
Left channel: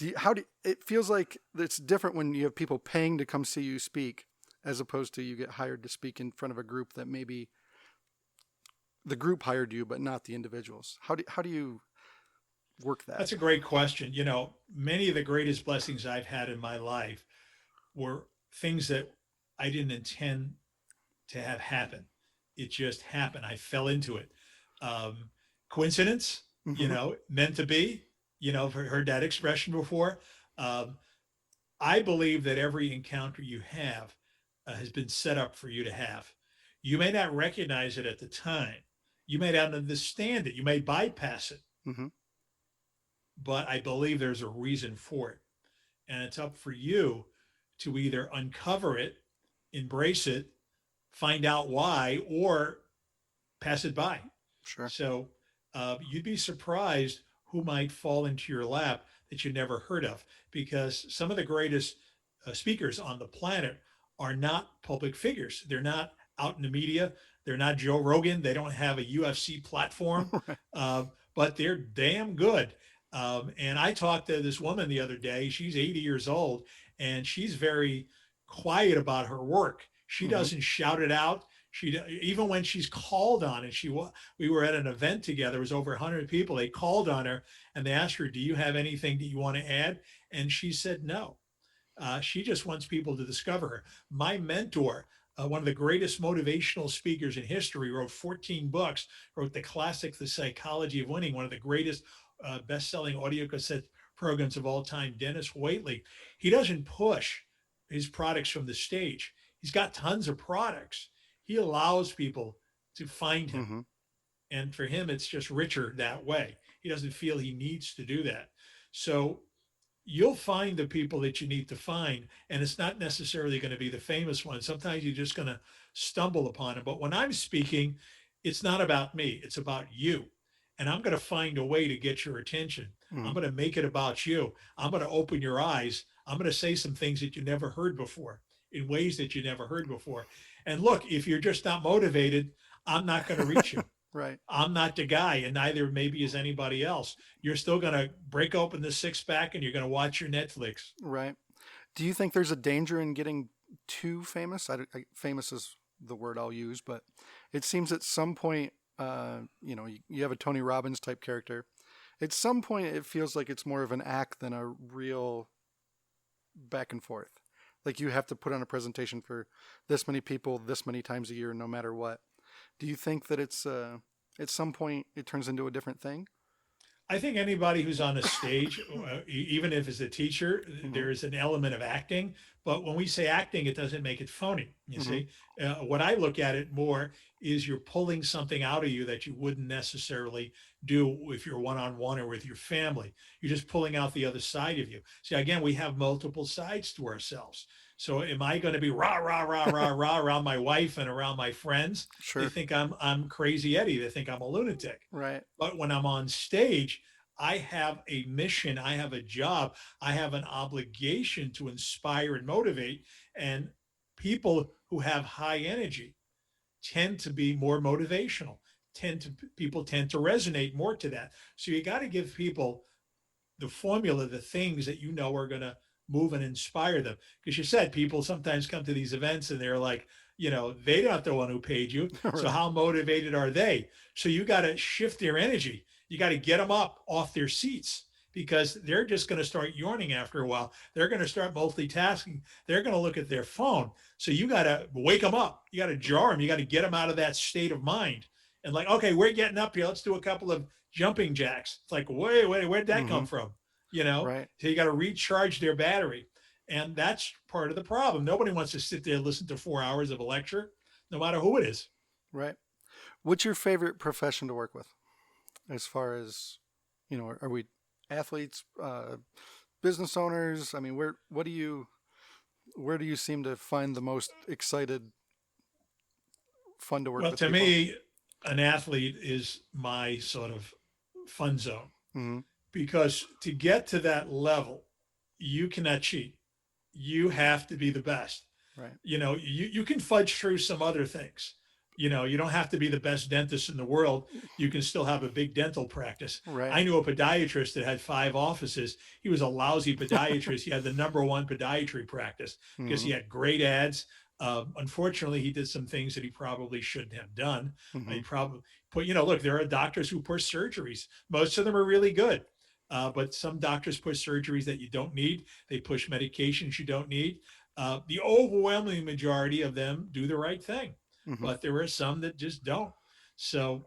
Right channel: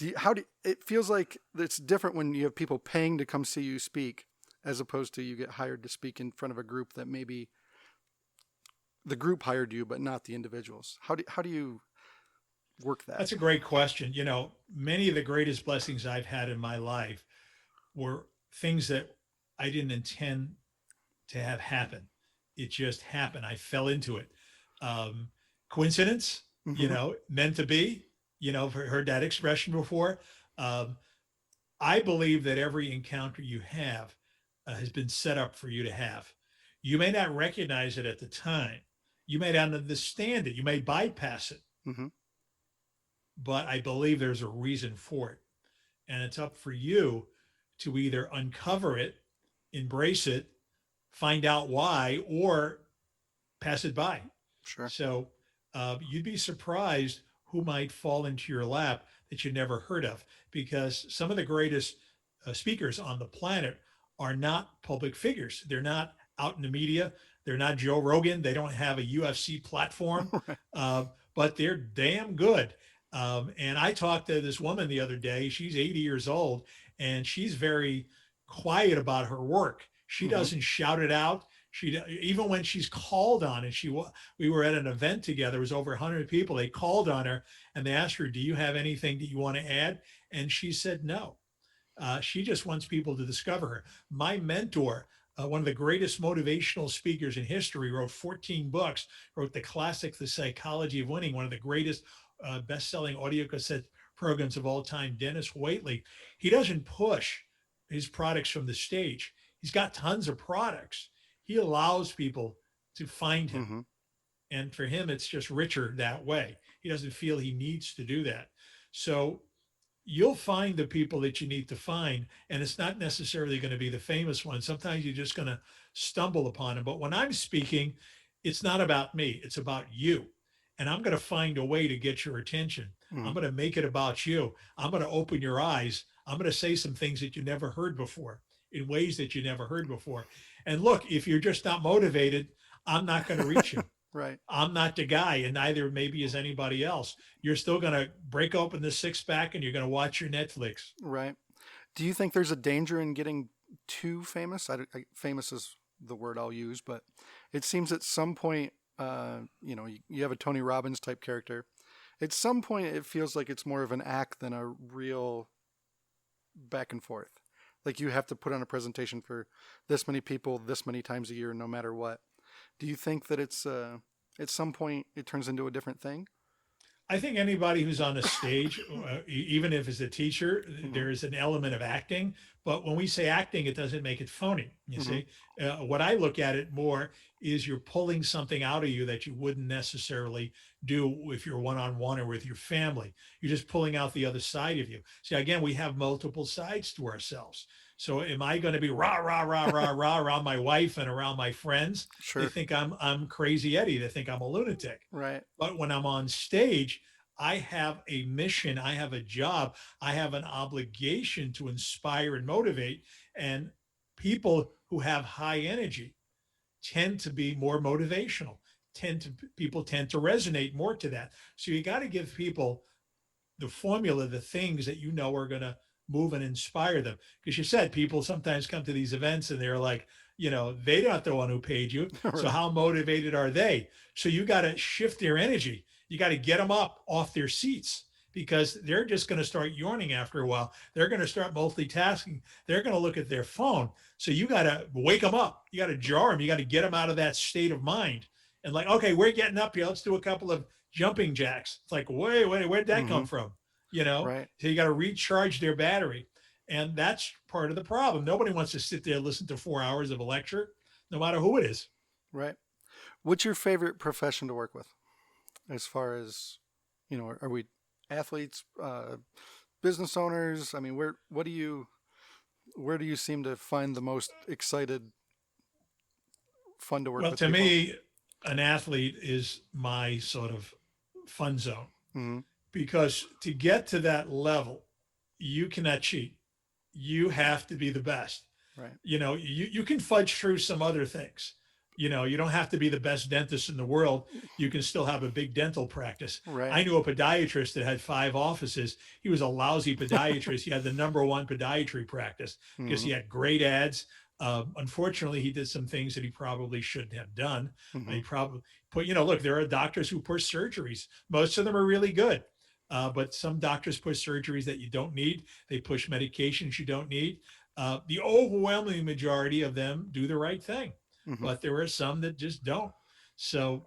It feels like it's different when you have people paying to come see you speak as opposed to you get hired to speak in front of a group that maybe the group hired you, but not the individuals. How do you work that? That's a great question. Many of the greatest blessings I've had in my life were things that I didn't intend to have happen. It just happened. I fell into it. Um, Coincidence, Mm-hmm. meant to be. I've heard that expression before. Um, I believe that every encounter you have has been set up for you to have. You may not recognize it at the time. You may not understand it. You may bypass it, Hmm. but I believe there's a reason for it. And it's up for you to either uncover it, embrace it, find out why, or pass it by. Sure. So you'd be surprised who might fall into your lap that you never heard of, because some of the greatest speakers on the planet are not public figures. They're not out in the media. They're not Joe Rogan. They don't have a UFC platform, Right. uh, but they're damn good. And I talked to this woman the other day. She's 80 years old, and she's very quiet about her work. She Hmm. doesn't shout it out. She, even when she's called on, and we were at an event together. It was over 100 people. They called on her and they asked her, "Do you have anything that you want to add?" And she said no. She just wants people to discover her. My mentor, one of the greatest motivational speakers in history, wrote 14 books, wrote the classic, The Psychology of Winning, one of the greatest best-selling audio cassette programs of all time, Dennis Waitley. He doesn't push his products from the stage. He's got tons of products. He allows people to find him. Hmm. And for him, it's just richer that way. He doesn't feel he needs to do that. So you'll find the people that you need to find, and it's not necessarily going to be the famous ones. Sometimes you're just going to stumble upon them. But when I'm speaking, it's not about me, it's about you. And I'm going to find a way to get your attention. Hmm. I'm going to make it about you. I'm going to open your eyes. I'm going to say some things that you never heard before, in ways that you never heard before. And look, if you're just not motivated, I'm not going to reach you. Right. I'm not the guy, and neither maybe is anybody else. You're still going to break open the six pack and you're going to watch your Netflix. Right. Do you think there's a danger in getting too famous? Famous is the word I'll use, but it seems at some point, you have a Tony Robbins type character. At some point, it feels like it's more of an act than a real back and forth. Like you have to put on a presentation for this many people, this many times a year, no matter what. Do you think that it's at some point it turns into a different thing? I think anybody who's on a stage, even if it's a teacher, Hmm. there is an element of acting. But when we say acting, it doesn't make it phony. You Hmm. see, what I look at it more is you're pulling something out of you that you wouldn't necessarily do if you're one on one or with your family. You're just pulling out the other side of you. See, again, we have multiple sides to ourselves. So, am I going to be rah rah rah rah rah around my wife and around my friends? They Sure. think I'm crazy Eddie. They think I'm a lunatic. Right. But when I'm on stage, I have a mission, I have a job, I have an obligation to inspire and motivate. And people who have high energy tend to be more motivational, people tend to resonate more to that. So you got to give people the formula, the things that you know are going to move and inspire them. Because you said people sometimes come to these events and they're like, they're not the one who paid you. So Right. how motivated are they? So you got to shift their energy. You got to get them up off their seats, because they're just going to start yawning after a while. They're going to start multitasking. They're going to look at their phone. So you got to wake them up. You got to jar them. You got to get them out of that state of mind. And like, okay, we're getting up here. Let's do a couple of jumping jacks. It's like, wait, where'd that Hmm. come from? You know, Right. so you got to recharge their battery. And that's part of the problem. Nobody wants to sit there and listen to 4 hours of a lecture, no matter who it is. Right. What's your favorite profession to work with? As far as, are we athletes, business owners? I mean, where do you seem to find the most excited, fun to work Well, with to people? me, an athlete is my sort of fun zone, Hmm. because to get to that level, you cannot cheat. You have to be the best. Right. You can fudge through some other things. You don't have to be the best dentist in the world. You can still have a big dental practice. Right. I knew a podiatrist that had 5 offices. He was a lousy podiatrist. He had the number one podiatry practice because Hmm. he had great ads. Unfortunately, he did some things that he probably shouldn't have done. Hmm. He probably put, look, there are doctors who push surgeries. Most of them are really good. But some doctors push surgeries that you don't need. They push medications you don't need. The overwhelming majority of them do the right thing, Hmm. but there are some that just don't. So,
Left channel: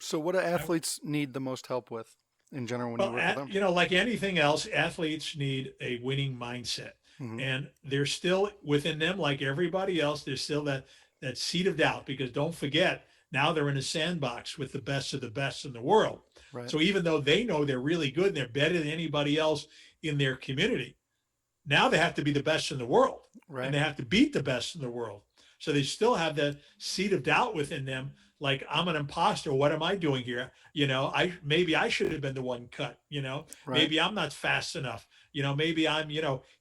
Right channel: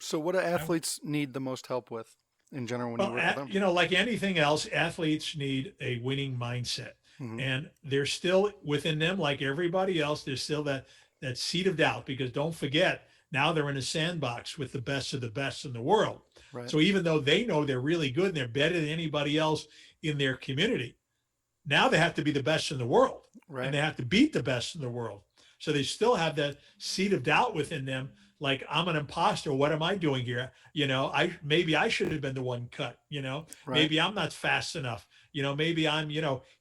So, what do I, athletes need the most help with in general when you well, work with them? like anything else, athletes need a winning mindset. Hmm. And there's still within them, like everybody else, there's still that seed of doubt, because don't forget, now they're in a sandbox with the best of the best in the world. Right. So even though they know they're really good and they're better than anybody else in their community, now they have to be the best in the world, and Right. they have to beat the best in the world. So they still have that seed of doubt within them. Like, I'm an imposter. What am I doing here? Maybe I should have been the one cut. Right. Maybe I'm not fast enough. Maybe I'm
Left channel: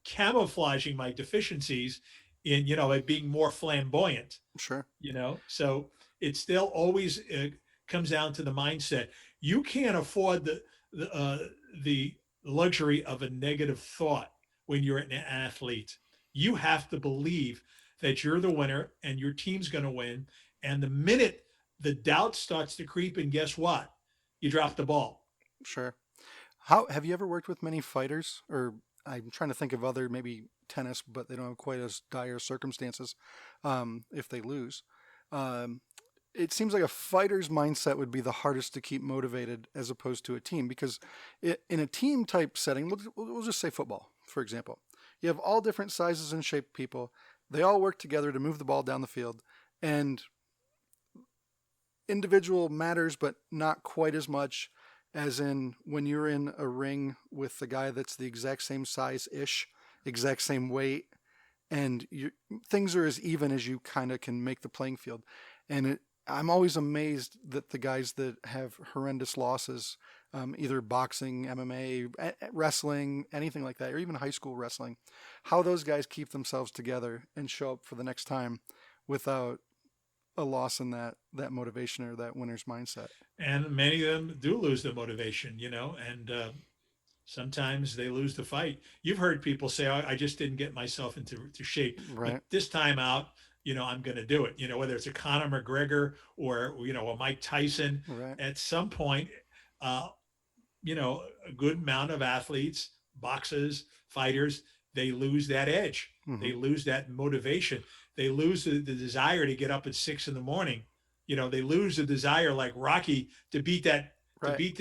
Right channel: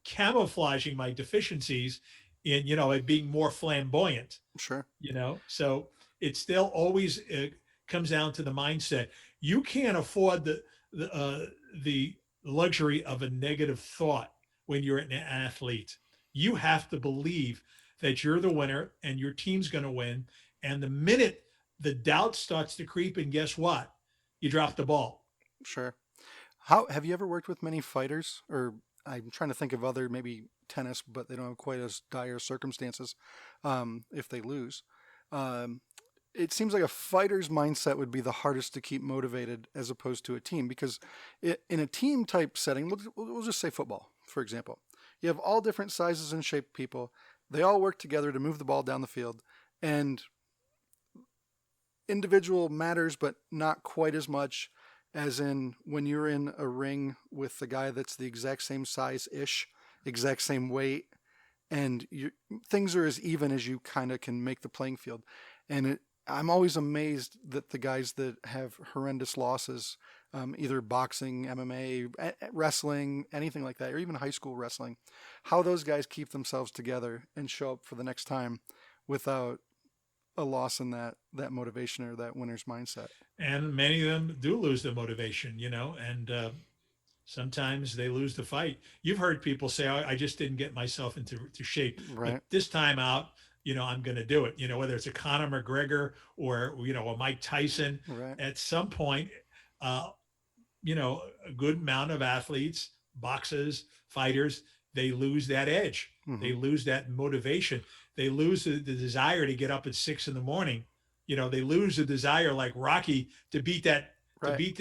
camouflaging my deficiencies in it being more flamboyant. Sure. So it still always comes down to the mindset. You can't afford the luxury of a negative thought when you're an athlete. You have to believe that you're the winner and your team's going to win. And the minute the doubt starts to creep in, guess what? You drop the ball. Sure. How have you ever worked with many fighters? Or I'm trying to think of other maybe tennis, but they don't have quite as dire circumstances if they lose. Um, it seems like a fighter's mindset would be the hardest to keep motivated as opposed to a team because in a team type setting, we'll just say football, for example. You have all different sizes and shape people. They all work together to move the ball down the field, and individual matters, but not quite as much as in when you're in a ring with the guy that's the exact same size ish, exact same weight, and things are as even as you kind of can make the playing field. And I'm always amazed that the guys that have horrendous losses, either boxing, MMA, wrestling, anything like that, or even high school wrestling, how those guys keep themselves together and show up for the next time without a loss in that motivation or that winner's mindset. And many of them do lose the motivation, and sometimes they lose the fight. You've heard people say, I just didn't get myself into shape, but Right. this time out, I'm going to do it. Whether it's a Conor McGregor or, a Mike Tyson, Right. at some point, uh, a good amount of athletes, boxers, fighters, they lose that edge. They Hmm. lose that motivation. They lose the desire to get up at 6 in the morning. They lose the desire, like Rocky, to beat Right.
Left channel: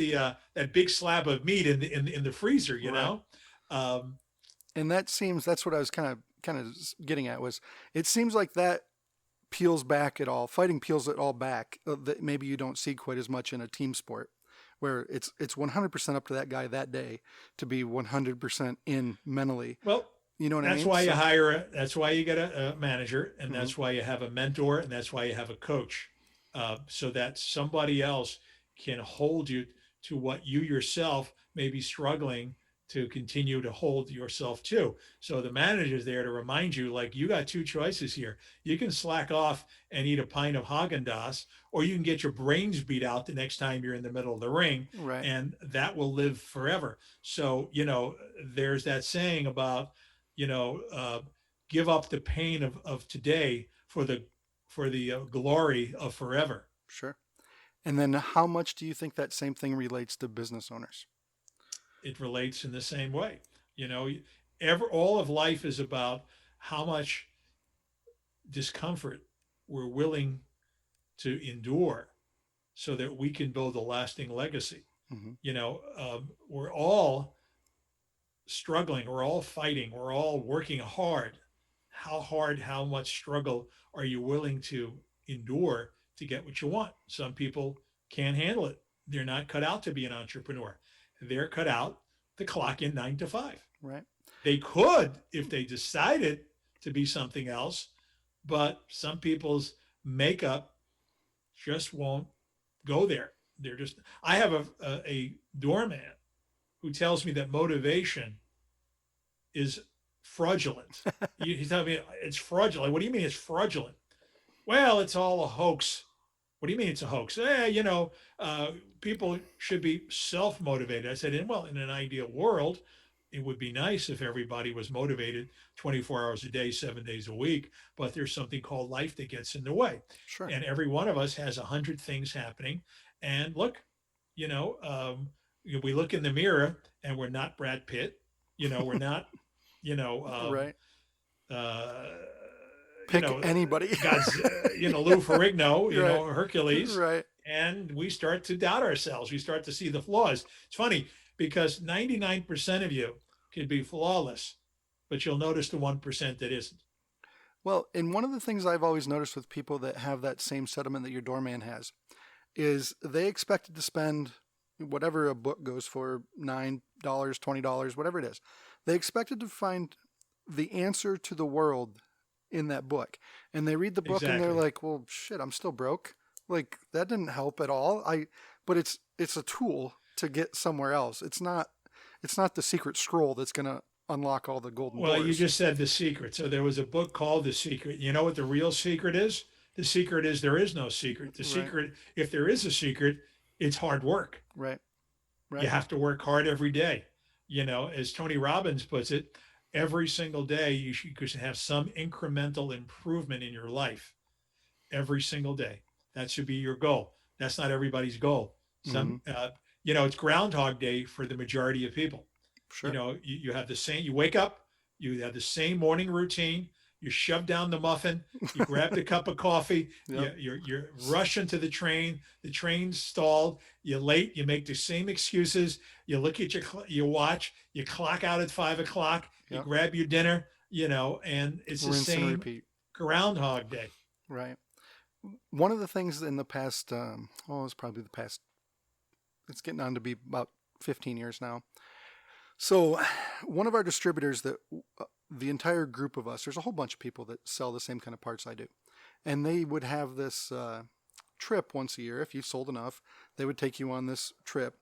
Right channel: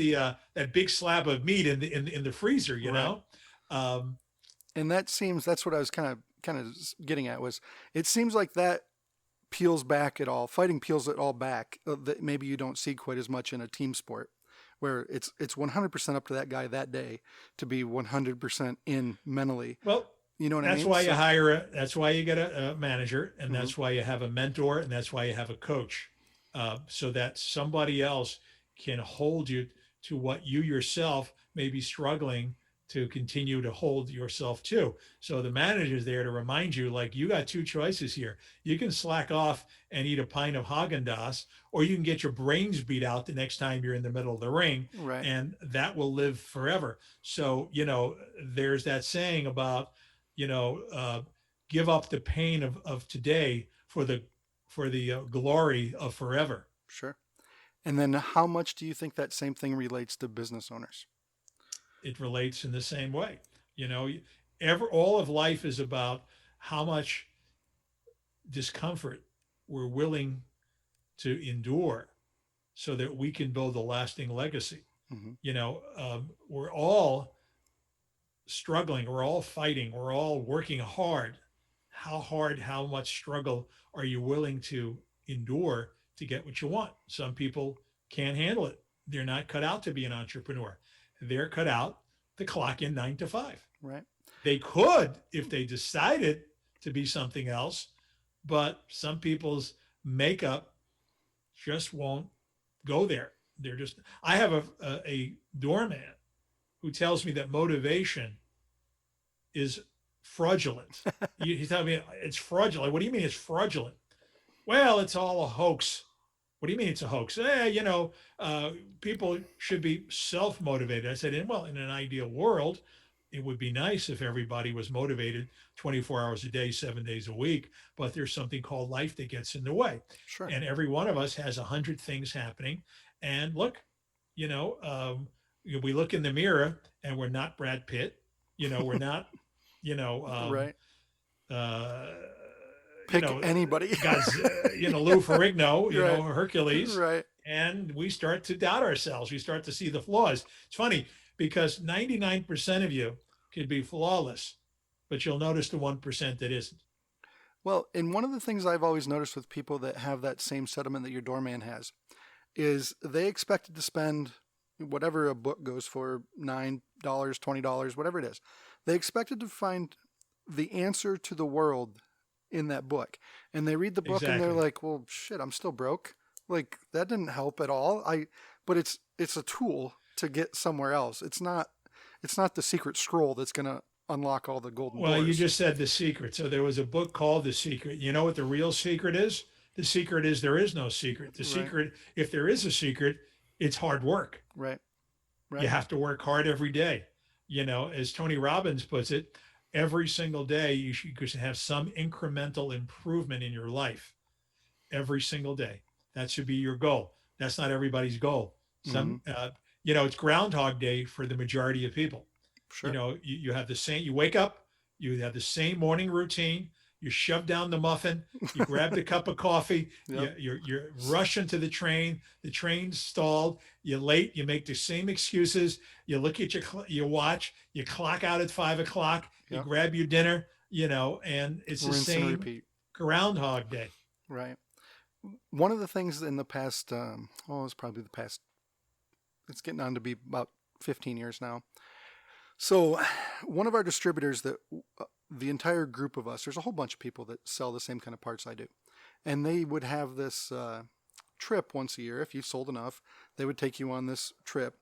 that big slab of meat in the freezer. Right. Um, And that's what I was kind of getting at was it seems like that peels back at all. Fighting peels it all back. That maybe you don't see quite as much in a team sport, where it's 100% up to that guy that day to be 100% in mentally. well, You know what I that's mean? why you So. hire that's why you get a manager, and Hmm. that's why you have a mentor, and that's why you have a coach, so that somebody else can hold you to what you yourself may be struggling to continue to hold yourself to. So the manager is there to remind you, like, you got two choices here. You can slack off and eat a pint of Haagen-Dazs, or you can get your brains beat out the next time you're in the middle of the ring, Right. and that will live forever. So, there's that saying about, you know, uh, give up the pain of today for the glory of forever. Sure. And then how much do you think that same thing relates to business owners? It relates in the same way. You know, all of life is about how much discomfort we're willing to endure so that we can build a lasting legacy. Hmm. We're all struggling, we're all fighting, we're all working hard. How much struggle are you willing to endure to get what you want? Some people can't handle it. They're not cut out to be an entrepreneur. They're cut out to clock in 9 to 5. Right. They could if they decided to be something else, but some people's makeup just won't go there. They're just. I have a doorman who tells me that motivation is fraudulent. He's telling me it's fraudulent. What do you mean it's fraudulent? Well, it's all a hoax. What do you mean it's a hoax? People should be self motivated. I said, well, in an ideal world, it would be nice if everybody was motivated 24 hours a day, 7 days a week. But there's something called life that gets in the way. Sure. And every one of us has 100 things happening. And look, we look in the mirror and we're not Brad Pitt. We're not, you know, um, Right. uh, you Pick know, anybody. God's, Lou Ferrigno, Right. Hercules, Right. and we start to doubt ourselves. We start to see the flaws. It's funny because 99% of you could be flawless, but you'll notice the 1% that isn't. Well, and one of the things I've always noticed with people that have that same sentiment that your doorman has is they expected to spend whatever a book goes for, $9, $20, whatever it is. They expected to find the answer to the world in that book. And they read the book and they're Exactly. like, well, shit, I'm still broke. Like that didn't help at all. But it's a tool to get somewhere else. It's not the secret scroll that's going to unlock all the golden Well, you doors. just said The Secret. So there was a book called The Secret. You know what the real secret is? The secret is there is no secret. The Right, secret, if there is a secret, it's hard work. right, You right. have to work hard every day. As Tony Robbins puts it, every single day you should have some incremental improvement in your life every single day. That should be your goal. That's not everybody's goal. Hmm. It's Groundhog Day for the majority of people. Sure. You have the same, you wake up, you have the same morning routine, you shove down the muffin, you grab the cup of coffee, Yep. you're rushing to the train's stalled, you're late, you make the same excuses, you look at your watch, you clock out at 5 o'clock, you Yep. grab your dinner, and it's the Rinse and same repeat. Groundhog Day. Right. One of the things in the past, it's probably the past, it's getting on to be about 15 years now. So, one of our distributors that the entire group of us, there's a whole bunch of people that sell the same kind of parts I do. And they would have this trip once a year. If you sold enough, they would take you on this trip.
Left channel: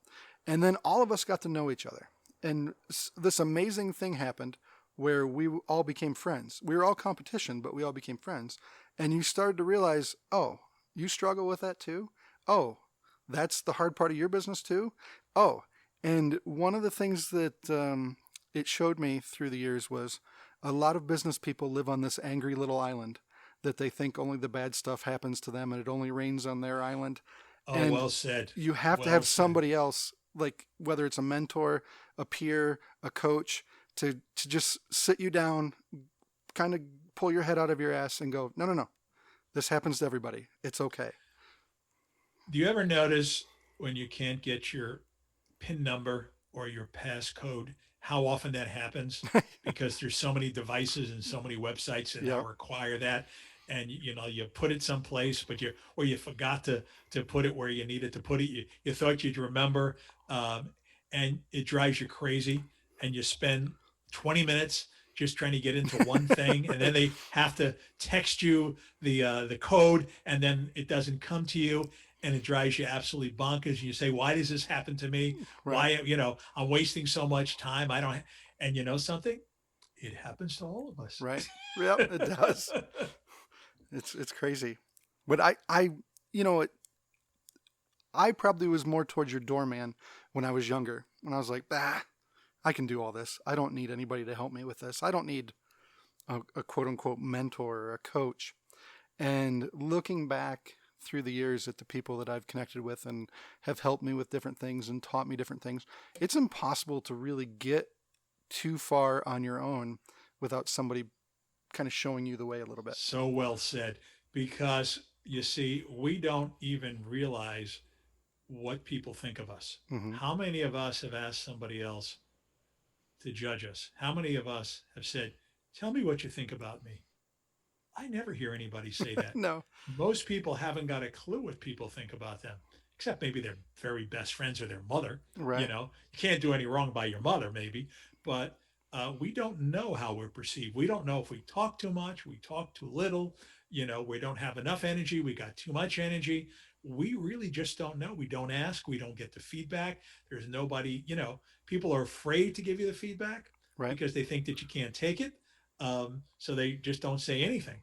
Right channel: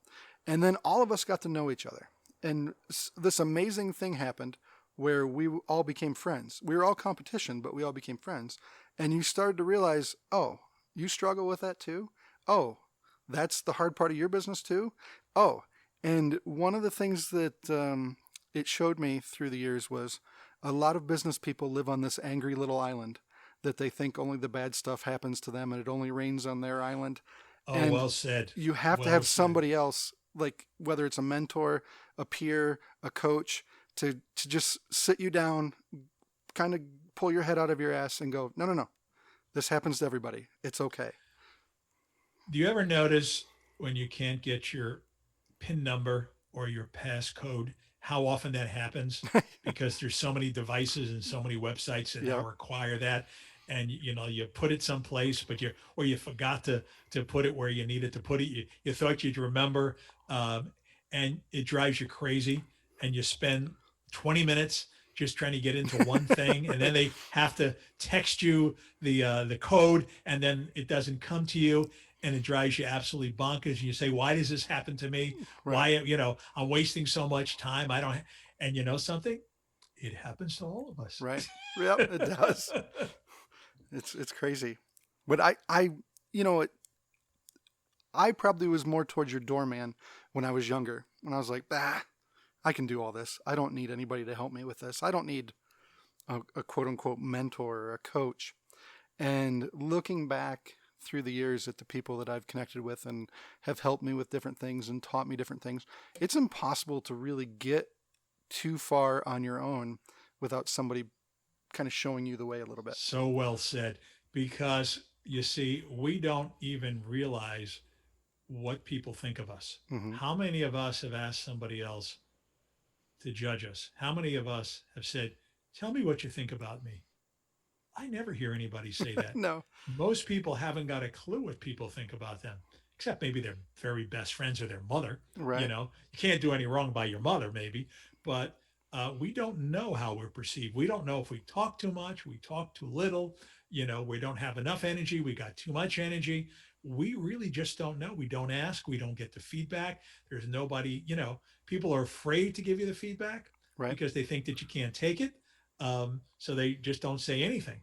And then all of us got to know each other. And this amazing thing happened where we all became friends. We were all competition, but we all became friends. And you started to realize, oh, you struggle with that too? Oh, that's the hard part of your business too? Oh, and one of the things that it showed me through the years was a lot of business people live on this angry little island that they think only the bad stuff happens to them and it only rains on their island. Oh, And well said. you have to Well have said. somebody else, like whether it's a mentor, a peer, a coach, to just sit you down, kind of pull your head out of your ass and go, no, no, no, this happens to everybody. It's okay. Do you ever notice when you can't get your PIN number or your passcode, how often that happens? Because there's so many devices and so many websites that now Yeah, require that. And you put it someplace, but you forgot to put it where you needed to put it. You thought you'd remember, and it drives you crazy. And you spend 20 minutes just trying to get into one thing, and then right, they have to text you the code, and then it doesn't come to you, and it drives you absolutely bonkers. You say, "Why does this happen to me? right, Why I'm wasting so much time? I don't." And you know something? It happens to all of us. right. Yep, it does. It's crazy. But you know, I probably was more towards your doorman when I was younger. When I was like, I can do all this. I don't need anybody to help me with this. I don't need a quote unquote mentor or a coach. And looking back through the years at the people that I've connected with and have helped me with different things and taught me different things, it's impossible to really get too far on your own without somebody kind of showing you the way a little bit. So well said. Because you see, we don't even realize what people think of us. Hmm. How many of us have asked somebody else to judge us? How many of us have said, "Tell me what you think about me"? I never hear anybody say that. No, Most people haven't got a clue what people think about them, except maybe their very best friends or their mother. right, You can't do any wrong by your mother, maybe, but we don't know how we're perceived. We don't know if we talk too much, we talk too little, we don't have enough energy, we got too much energy. We really just don't know. We don't ask, we don't get the feedback. There's nobody, people are afraid to give you the feedback right, because they think that you can't take it. So they just don't say anything,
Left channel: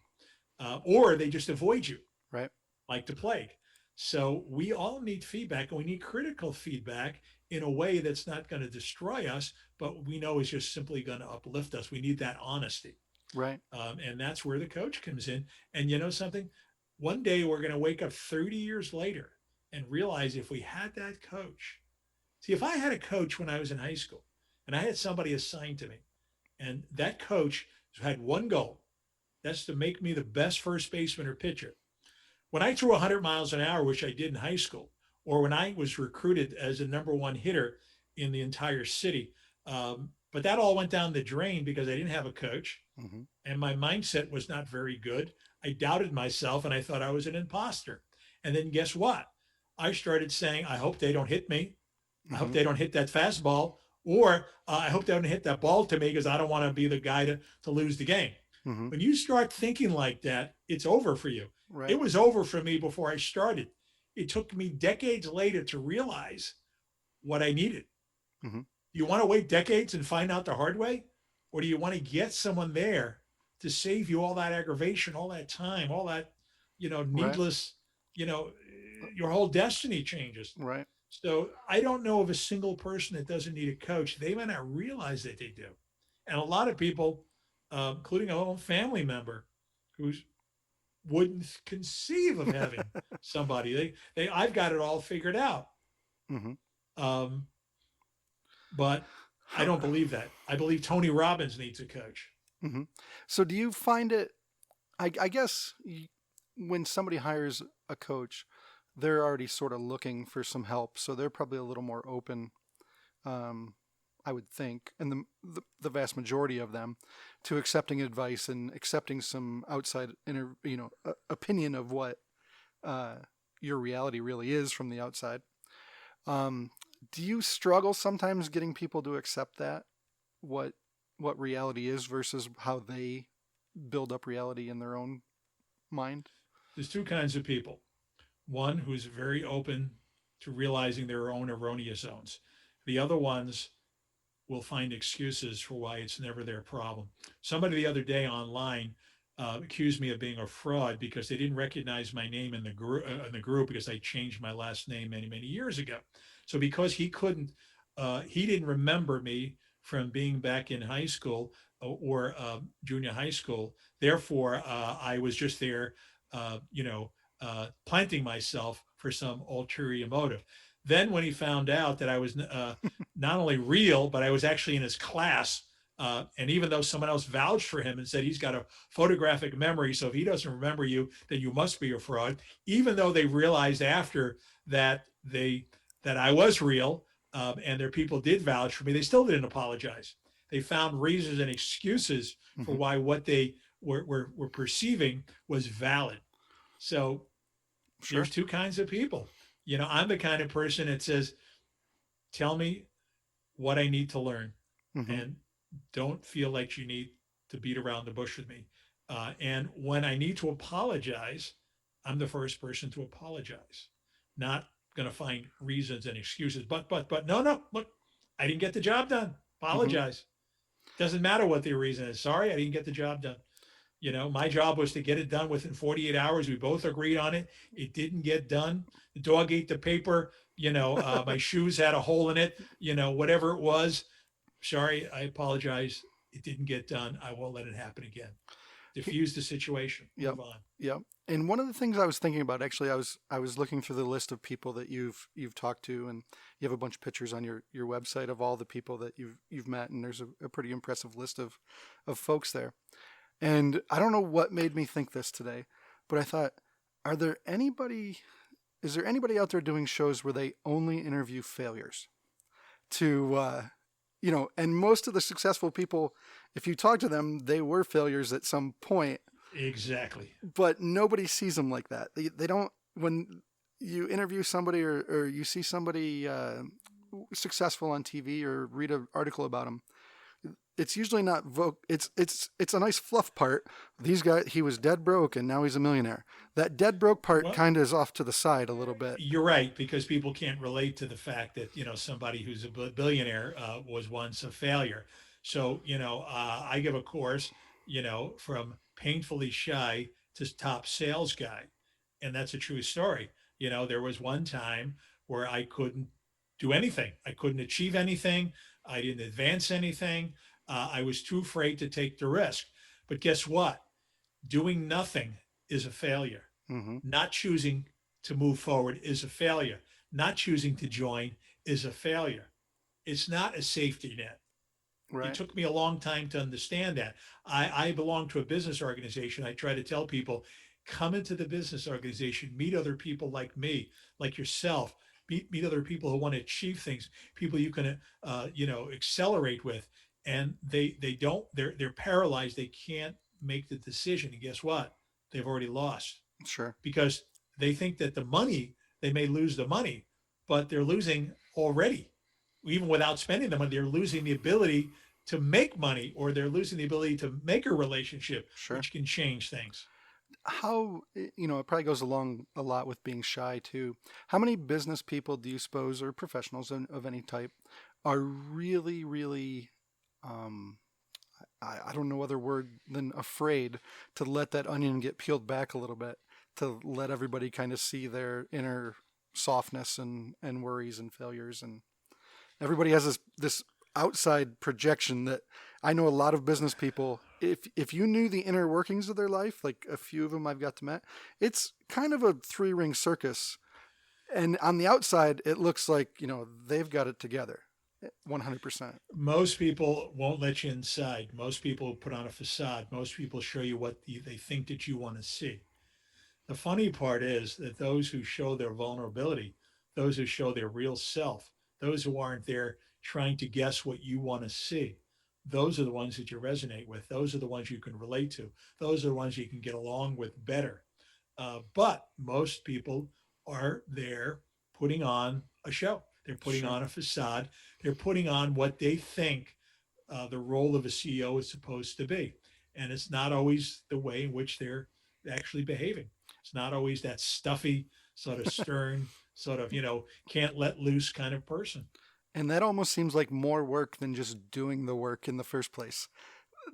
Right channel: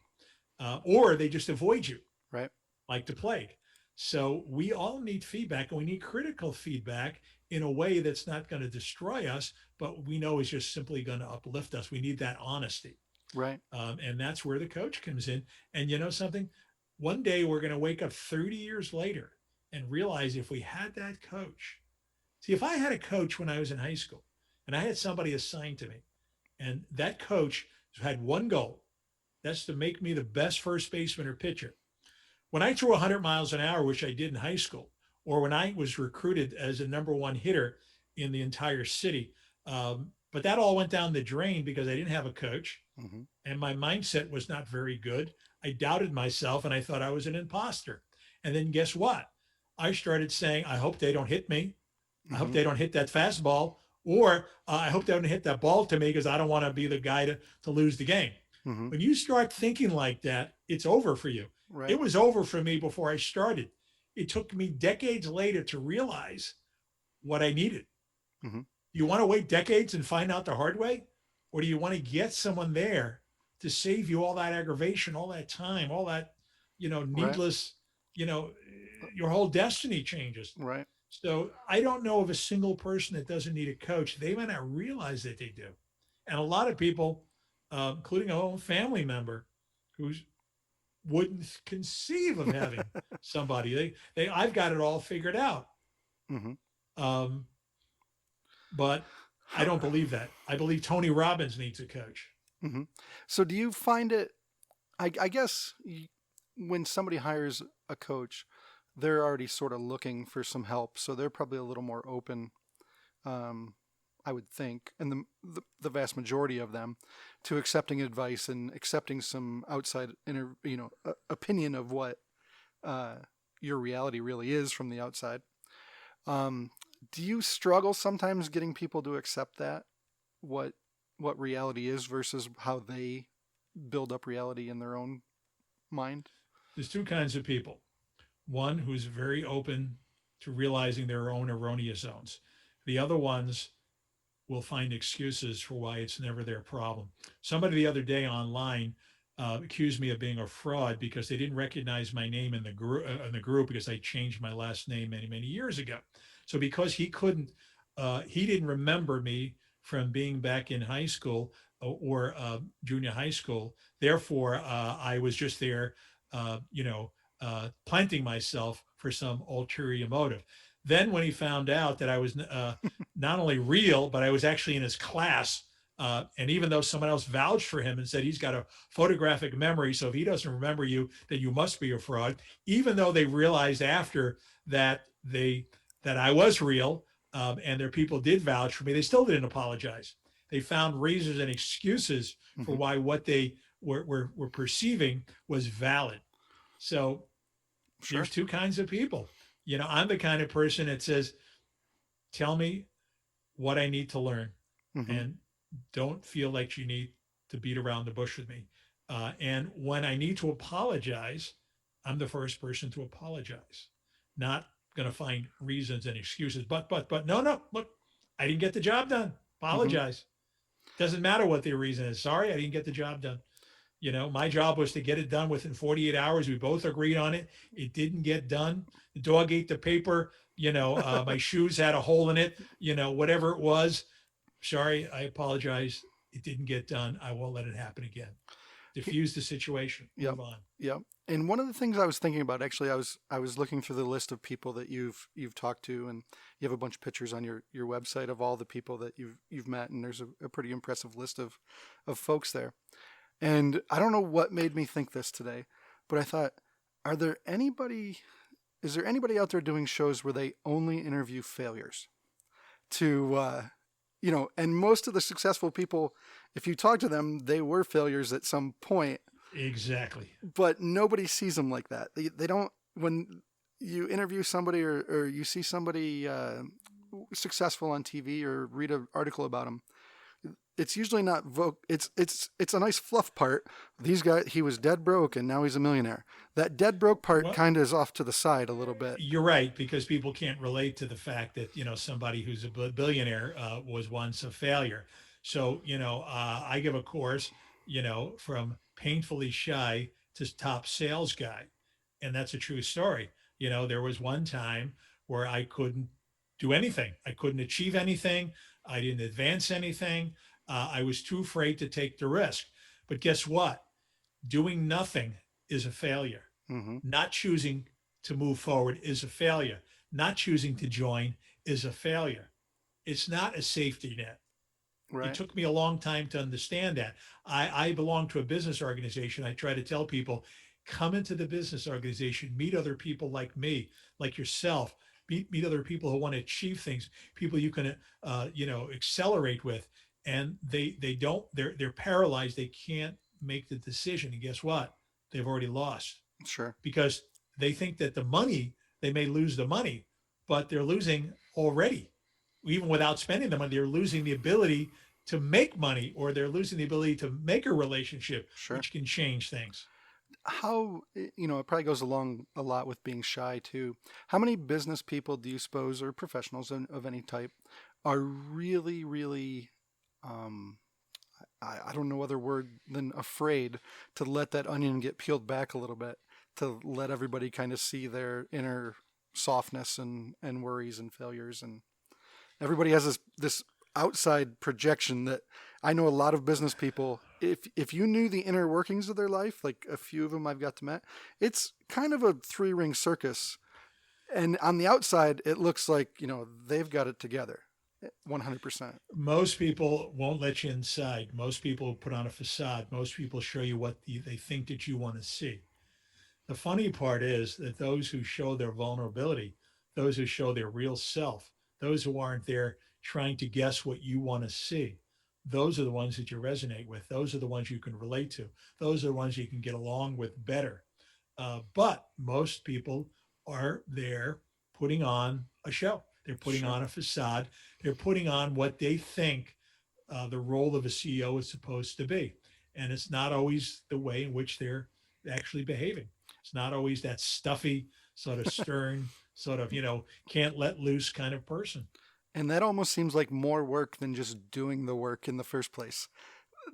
or they just avoid you right, like the plague. So we all need feedback, and we need critical feedback in a way that's not going to destroy us, but we know is just simply going to uplift us. We need that honesty. right, And that's where the coach comes in. And you know something? One day we're going to wake up 30 years later and realize if we had that coach. See, if I had a coach when I was in high school and I had somebody assigned to me, and that coach had one goal, that's to make me the best first baseman or pitcher. When I threw 100 miles an hour, which I did in high school, or when I was recruited as the number one hitter in the entire city, But that all went down the drain because I didn't have a coach Mm-hmm. and my mindset was not very good. I doubted myself and I thought I was an imposter. And then guess what? I started saying, I hope they don't hit me. I hope Mm-hmm. they don't hit that fastball, or I hope they don't hit that ball to me because I don't want to be the guy to lose the game. Mm-hmm. When you start thinking like that, it's over for you. Right. It was over for me before I started. It took me decades later to realize what I needed. Mm-hmm. Do you want to wait decades and find out the hard way? Or do you want to get someone there to save you all that aggravation, all that time, all that, Right. needless, you know, your whole destiny changes. Right. So I don't know of a single person that doesn't need a coach. They might not realize that they do. And a lot of people, including a own family member, who wouldn't conceive of having somebody. I've got it all figured out. Mm-hmm. Um, but I How, don't believe that. I believe Tony Robbins needs a coach. mm-hmm. So do you find it? I guess when somebody hires a coach, they're already sort of looking for some help, so they're probably a little more open. Um, I would think, and the vast majority of them, to accepting advice and accepting some outside opinion of what uh, your reality really is from the outside. Um, do you struggle sometimes getting people to accept that what what reality is versus how they build up reality in their own mind? There's two kinds of people. One who's very open to realizing their own erroneous zones. The other ones will find excuses for why it's never their problem. Somebody the other day online accused me of being a fraud because they didn't recognize my name in the group because I changed my last name many years ago. So because he didn't remember me from being back in high school or junior high school. Therefore, I was just there, planting myself for some ulterior motive. Then, when he found out that I was not only real, but I was actually in his class, and even though someone else vouched for him and said he's got a photographic memory, so if he doesn't remember you, then you must be a fraud. Even though they realized after that that I was real, and their people did vouch for me, they still didn't apologize. They found reasons and excuses for Mm-hmm. why what they were perceiving was valid. So Sure. there's two kinds of people. I'm the kind of person that says, tell me what I need to learn Mm-hmm. and don't feel like you need to beat around the bush with me. And when I need to apologize, I'm the first person to apologize, not going to find reasons and excuses. But no, look, I didn't get the job done. Mm-hmm. Apologize. Doesn't matter what the reason is. Sorry, I didn't get the job done. My job was to get it done within 48 hours. We both agreed on it. It didn't get done. The dog ate the paper. My shoes had a hole in it. Whatever it was. Sorry, I apologize. It didn't get done. I won't let it happen again. Diffuse the situation. Yep. Move on. Yep. And one of the things I was thinking about, actually, I was looking through the list of people that you've talked to, and you have a bunch of pictures on your website of all the people that you've met, and there's a pretty impressive list of folks there. And I don't know what made me think this today, but I thought, are there anybody is there anybody out there doing shows where they only interview failures? To and most of the successful people, if you talk to them, they were failures at some point, Exactly. but nobody sees them like that. They don't. When you interview somebody or you see somebody successful on TV or read an article about them, it's usually not it's a nice fluff part. These guys, he was dead broke and now he's a millionaire. That dead broke part Well, kind of is off to the side a little bit. you're right because people can't relate to the fact that somebody who's a billionaire was once a failure. So I give a course, from painfully shy to top sales guy, and that's a true story. There was one time where I couldn't do anything. I couldn't achieve anything. I didn't advance anything. I was too afraid to take the risk. But guess what? Doing nothing is a failure. Mm-hmm. Not choosing to move forward is a failure. Not choosing to join is a failure. It's not a safety net. It Right. took me a long time to understand that. I belong to a business organization. I try to tell people, come into the business organization, meet other people like me, like yourself, meet other people who want to achieve things, people you can, accelerate with. and they don't, they're paralyzed. They can't make the decision. And guess what? They've already lost Sure. because they think that the money, they may lose the money, but they're losing already. Even without spending the money, they're losing the ability to make money, or they're losing the ability to make a relationship, Sure. which can change things. How, it probably goes along a lot with being shy too. How many business people do you suppose, or professionals of any type, are really, really, um, I don't know other word than afraid to let that onion get peeled back a little bit, to let everybody kind of see their inner softness and worries and failures, and everybody has this outside projection that I know a lot of business people. If you knew the inner workings of their life, like a few of them I've got to met, it's kind of a three-ring circus. And on the outside, it looks like they've got it together, 100%. Most people won't let you inside. Most people put on a facade. Most people show you what they think that you want to see. The funny part is that those who show their vulnerability, those who show their real self, those who aren't there trying to guess what you want to see, those are the ones that you resonate with. Those are the ones you can relate to. Those are the ones you can get along with better. But most people are there putting on a show. They're putting Sure. on a facade. They're putting on what they think the role of a CEO is supposed to be. And it's not always the way in which they're actually behaving. It's not always that stuffy, sort of stern, sort of, can't let loose kind of person. And that almost seems like more work than just doing the work in the first place,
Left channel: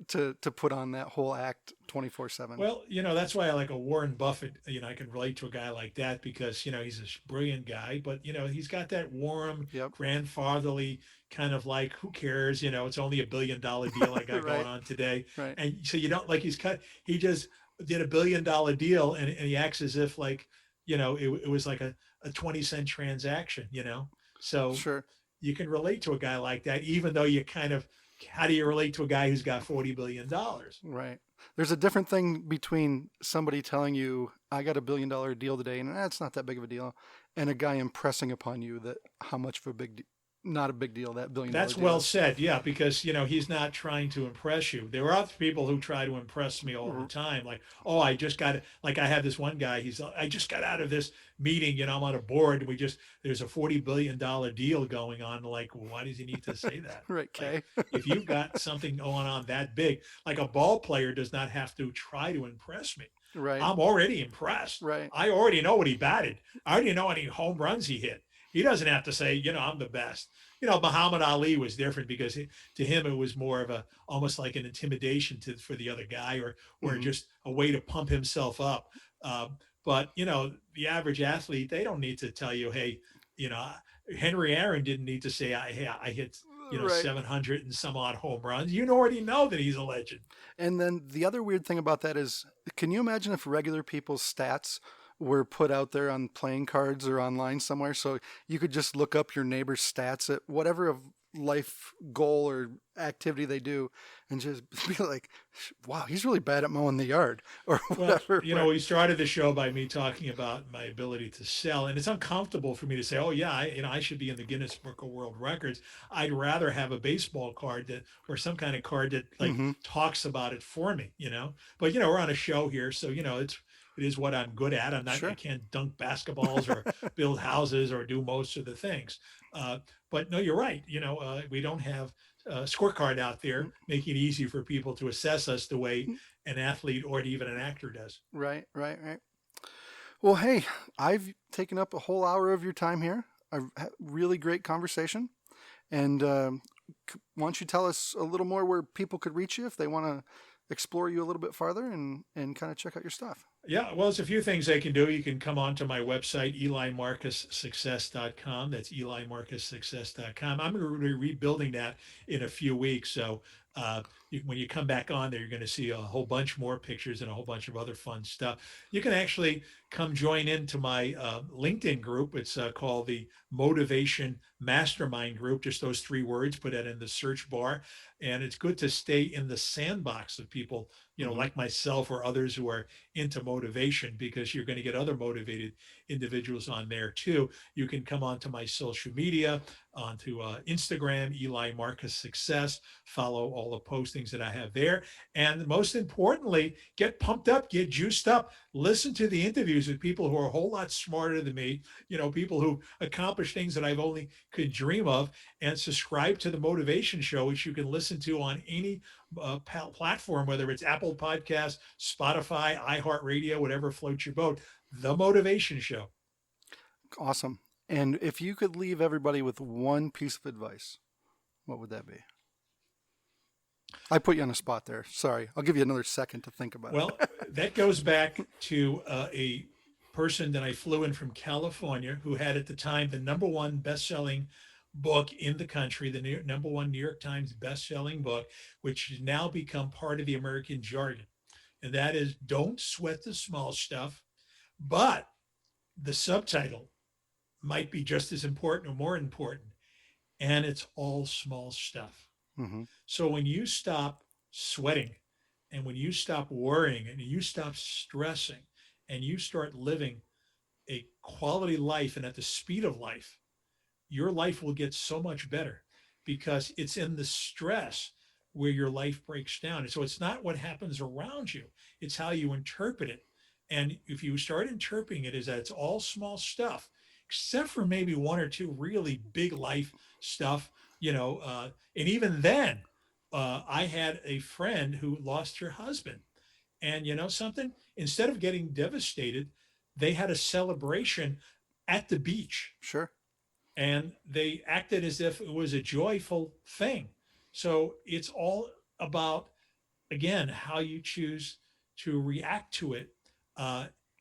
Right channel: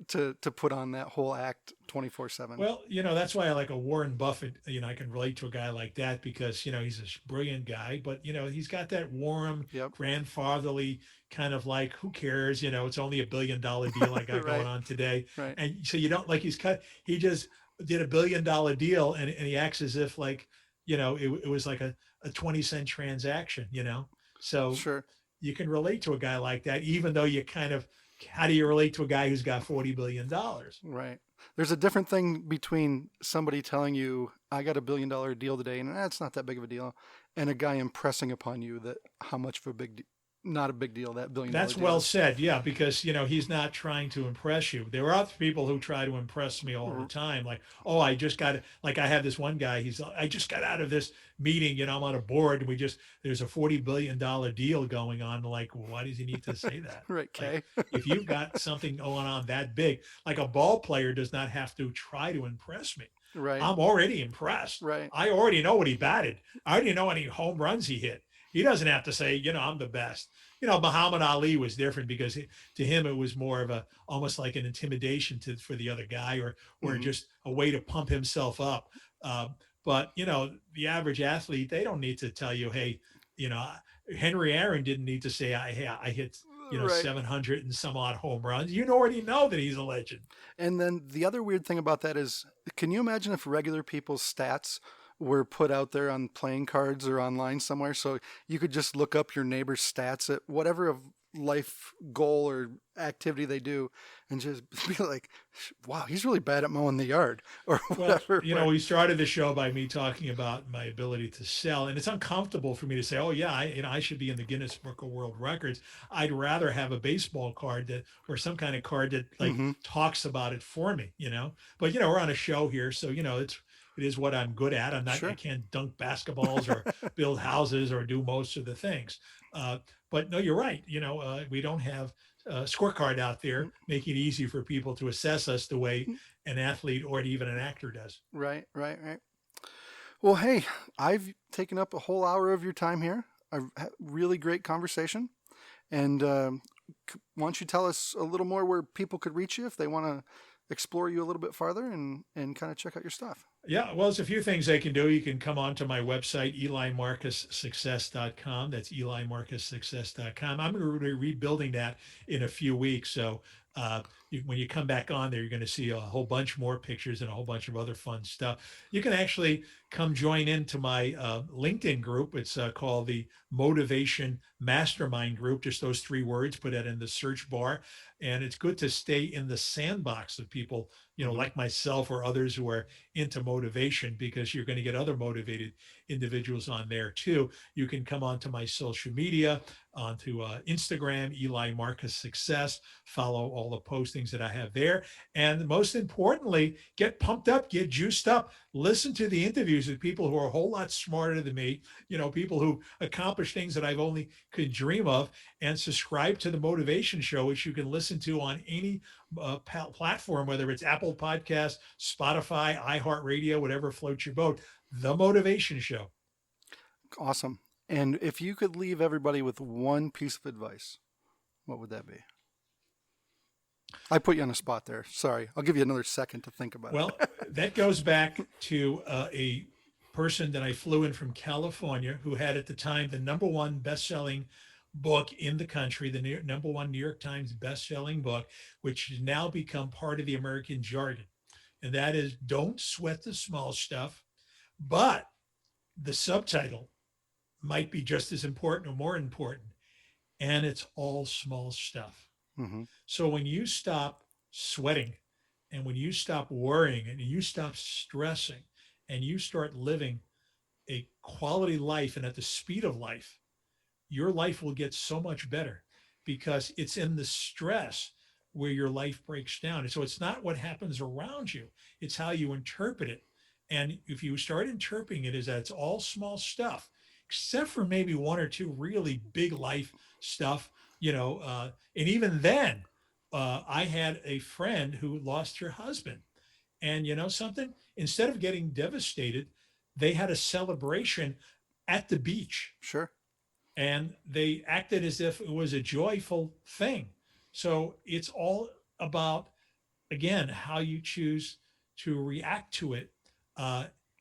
to put on that whole act 24/7. Well, that's why I like a Warren Buffett. I can relate to a guy like that because, he's a brilliant guy, but, he's got that warm, Yep. grandfatherly kind of like, who cares? It's only $1 billion deal I got going Right. on today. Right. And so you don't like he just did $1 billion deal and he acts as if like, it was like a 20-cent transaction, So Sure. you can relate to a guy like that, even though you kind of, how do you relate to a guy who's got $40 billion? Right. There's a different thing between somebody telling you, I got $1 billion deal today, and that's not that big of a deal, and a guy impressing upon you that how much of a not a big deal that $1 billion That's deal well is. said. Yeah, because he's not trying to impress you. There are other people who try to impress me all the time. Like, oh, I just got like I have this one guy. I just got out of this meeting. I'm on a board. There's a $40 billion deal going on. Like, why does he need to say that? Right, Like, Kay. if you've got something going on that big, like a ball player does not have to try to impress me. Right. I'm already impressed. Right. I already know what he batted. I already know any home runs he hit. He doesn't have to say, I'm the best. Muhammad Ali was different because to him it was more of a almost like an intimidation for the other guy, or Hmm. just a way to pump himself up. Uh, but the average athlete, they don't need to tell you, hey, you know, Henry Aaron didn't need to say, I hit Right. 700 and some odd home runs. You already know that he's a legend. And then the other weird thing about that is, can you imagine if regular people's stats were put out there on playing cards or online somewhere, so you could just look up your neighbor's stats at whatever of life goal or activity they do, and just be like, "Wow, he's really bad at mowing the yard," or Well, whatever. we started the show by me talking about my ability to sell, and it's uncomfortable for me to say, "Oh yeah, I should be in the Guinness Book of World Records." I'd rather have a baseball card or some kind of card that like Hmm. talks about it for me. But we're on a show here, so it is what I'm good at. I Sure. can't dunk basketballs or build houses or do most of the things. Uh, but no, you're right. We don't have a scorecard out there making it easy for people to assess us the way an athlete or even an actor does. Right. Right. Right. Well, hey, I've taken up a whole hour of your time here. A really great conversation. And why don't you tell us a little more where people could reach you if they want to explore you a little bit farther and kind of check out your stuff? Yeah, well, there's a few things they can do. You can come on to my website, elimarcussuccess.com. That's elimarcussuccess.com. I'm going to be rebuilding that in a few weeks. So when you come back on there, you're going to see a whole bunch more pictures and a whole bunch of other fun stuff. You can actually come join into my LinkedIn group. It's called the Motivation Mastermind Group, just those three words, put that in the search bar. And it's good to stay in the sandbox of people, Hmm. like myself or others who are into motivation, because you're going to get other motivated individuals on there too. You can come onto my social media, onto Instagram, Eli Marcus Success, follow all the postings that I have there. And most importantly, get pumped up, get juiced up, listen to the interviews with people who are a whole lot smarter than me, people who accomplish things that I've only could dream of, and subscribe to the Motivation Show, which you can listen to on any platform, whether it's Apple Podcasts, Spotify, iHeartRadio, whatever floats your boat. The Motivation Show. Awesome. And if you could leave everybody with one piece of advice, what would that be? I put you on the spot there. Sorry. I'll give you another second to think about it. Well, that goes back to a person that I flew in from California who had at the time the #1 best-selling book in the country, the #1 New York Times best-selling book, which has now become part of the American jargon. And that is, don't sweat the small stuff, but the subtitle might be just as important or more important. And it's all small stuff. Mm-hmm. So when you stop sweating and when you stop worrying and you stop stressing and you start living a quality life and at the speed of life, your life will get so much better, because it's in the stress where your life breaks down. And so it's not what happens around you, it's how you interpret it. And if you start interpreting it as that it's all small stuff, except for maybe one or two really big life stuff, and even then, I had a friend who lost her husband. And you know something? Instead of getting devastated, they had a celebration at the beach. Sure. And they acted as if it was a joyful thing. So it's all about, again, how you choose to react to it.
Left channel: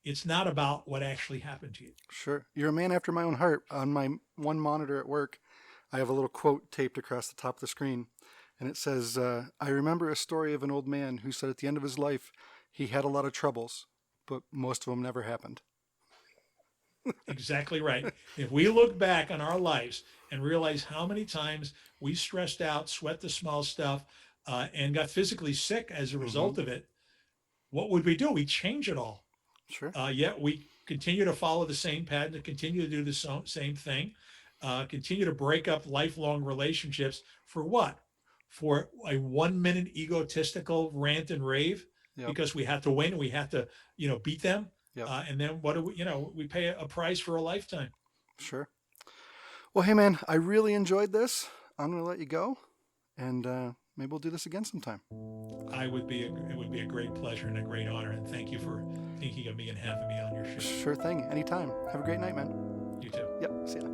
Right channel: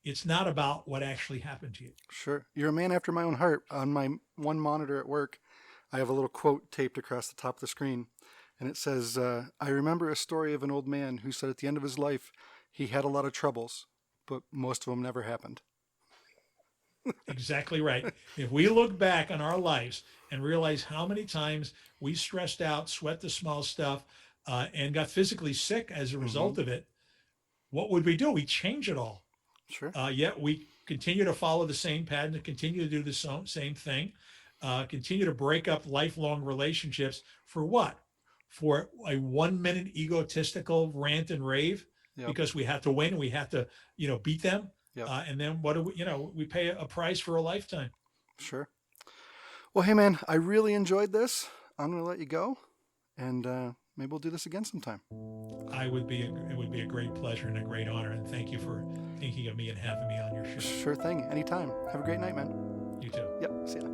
It's not about what actually happened to you. Sure. You're a man after my own heart. On my one monitor at work, I have a little quote taped across the top of the screen. And it says, I remember a story of an old man who said at the end of his life, he had a lot of troubles, but most of them never happened. Exactly right. If we look back on our lives and realize how many times we stressed out, sweat the small stuff, and got physically sick as a result of it, what would we do? We change it all. Sure. Yet we continue to follow the same pattern, to continue to do the same thing, continue to break up lifelong relationships for what? For a 1-minute egotistical rant and rave, because we have to win, we have to, beat them. Yep. And then what do we, we pay a price for a lifetime. Sure. Well, hey man, I really enjoyed this. I'm going to let you go, and maybe we'll do this again sometime. It would be a great pleasure and a great honor. And thank you for thinking of me and having me on your show. Sure thing. Anytime. Have a great night, man. You too. Yep. See ya.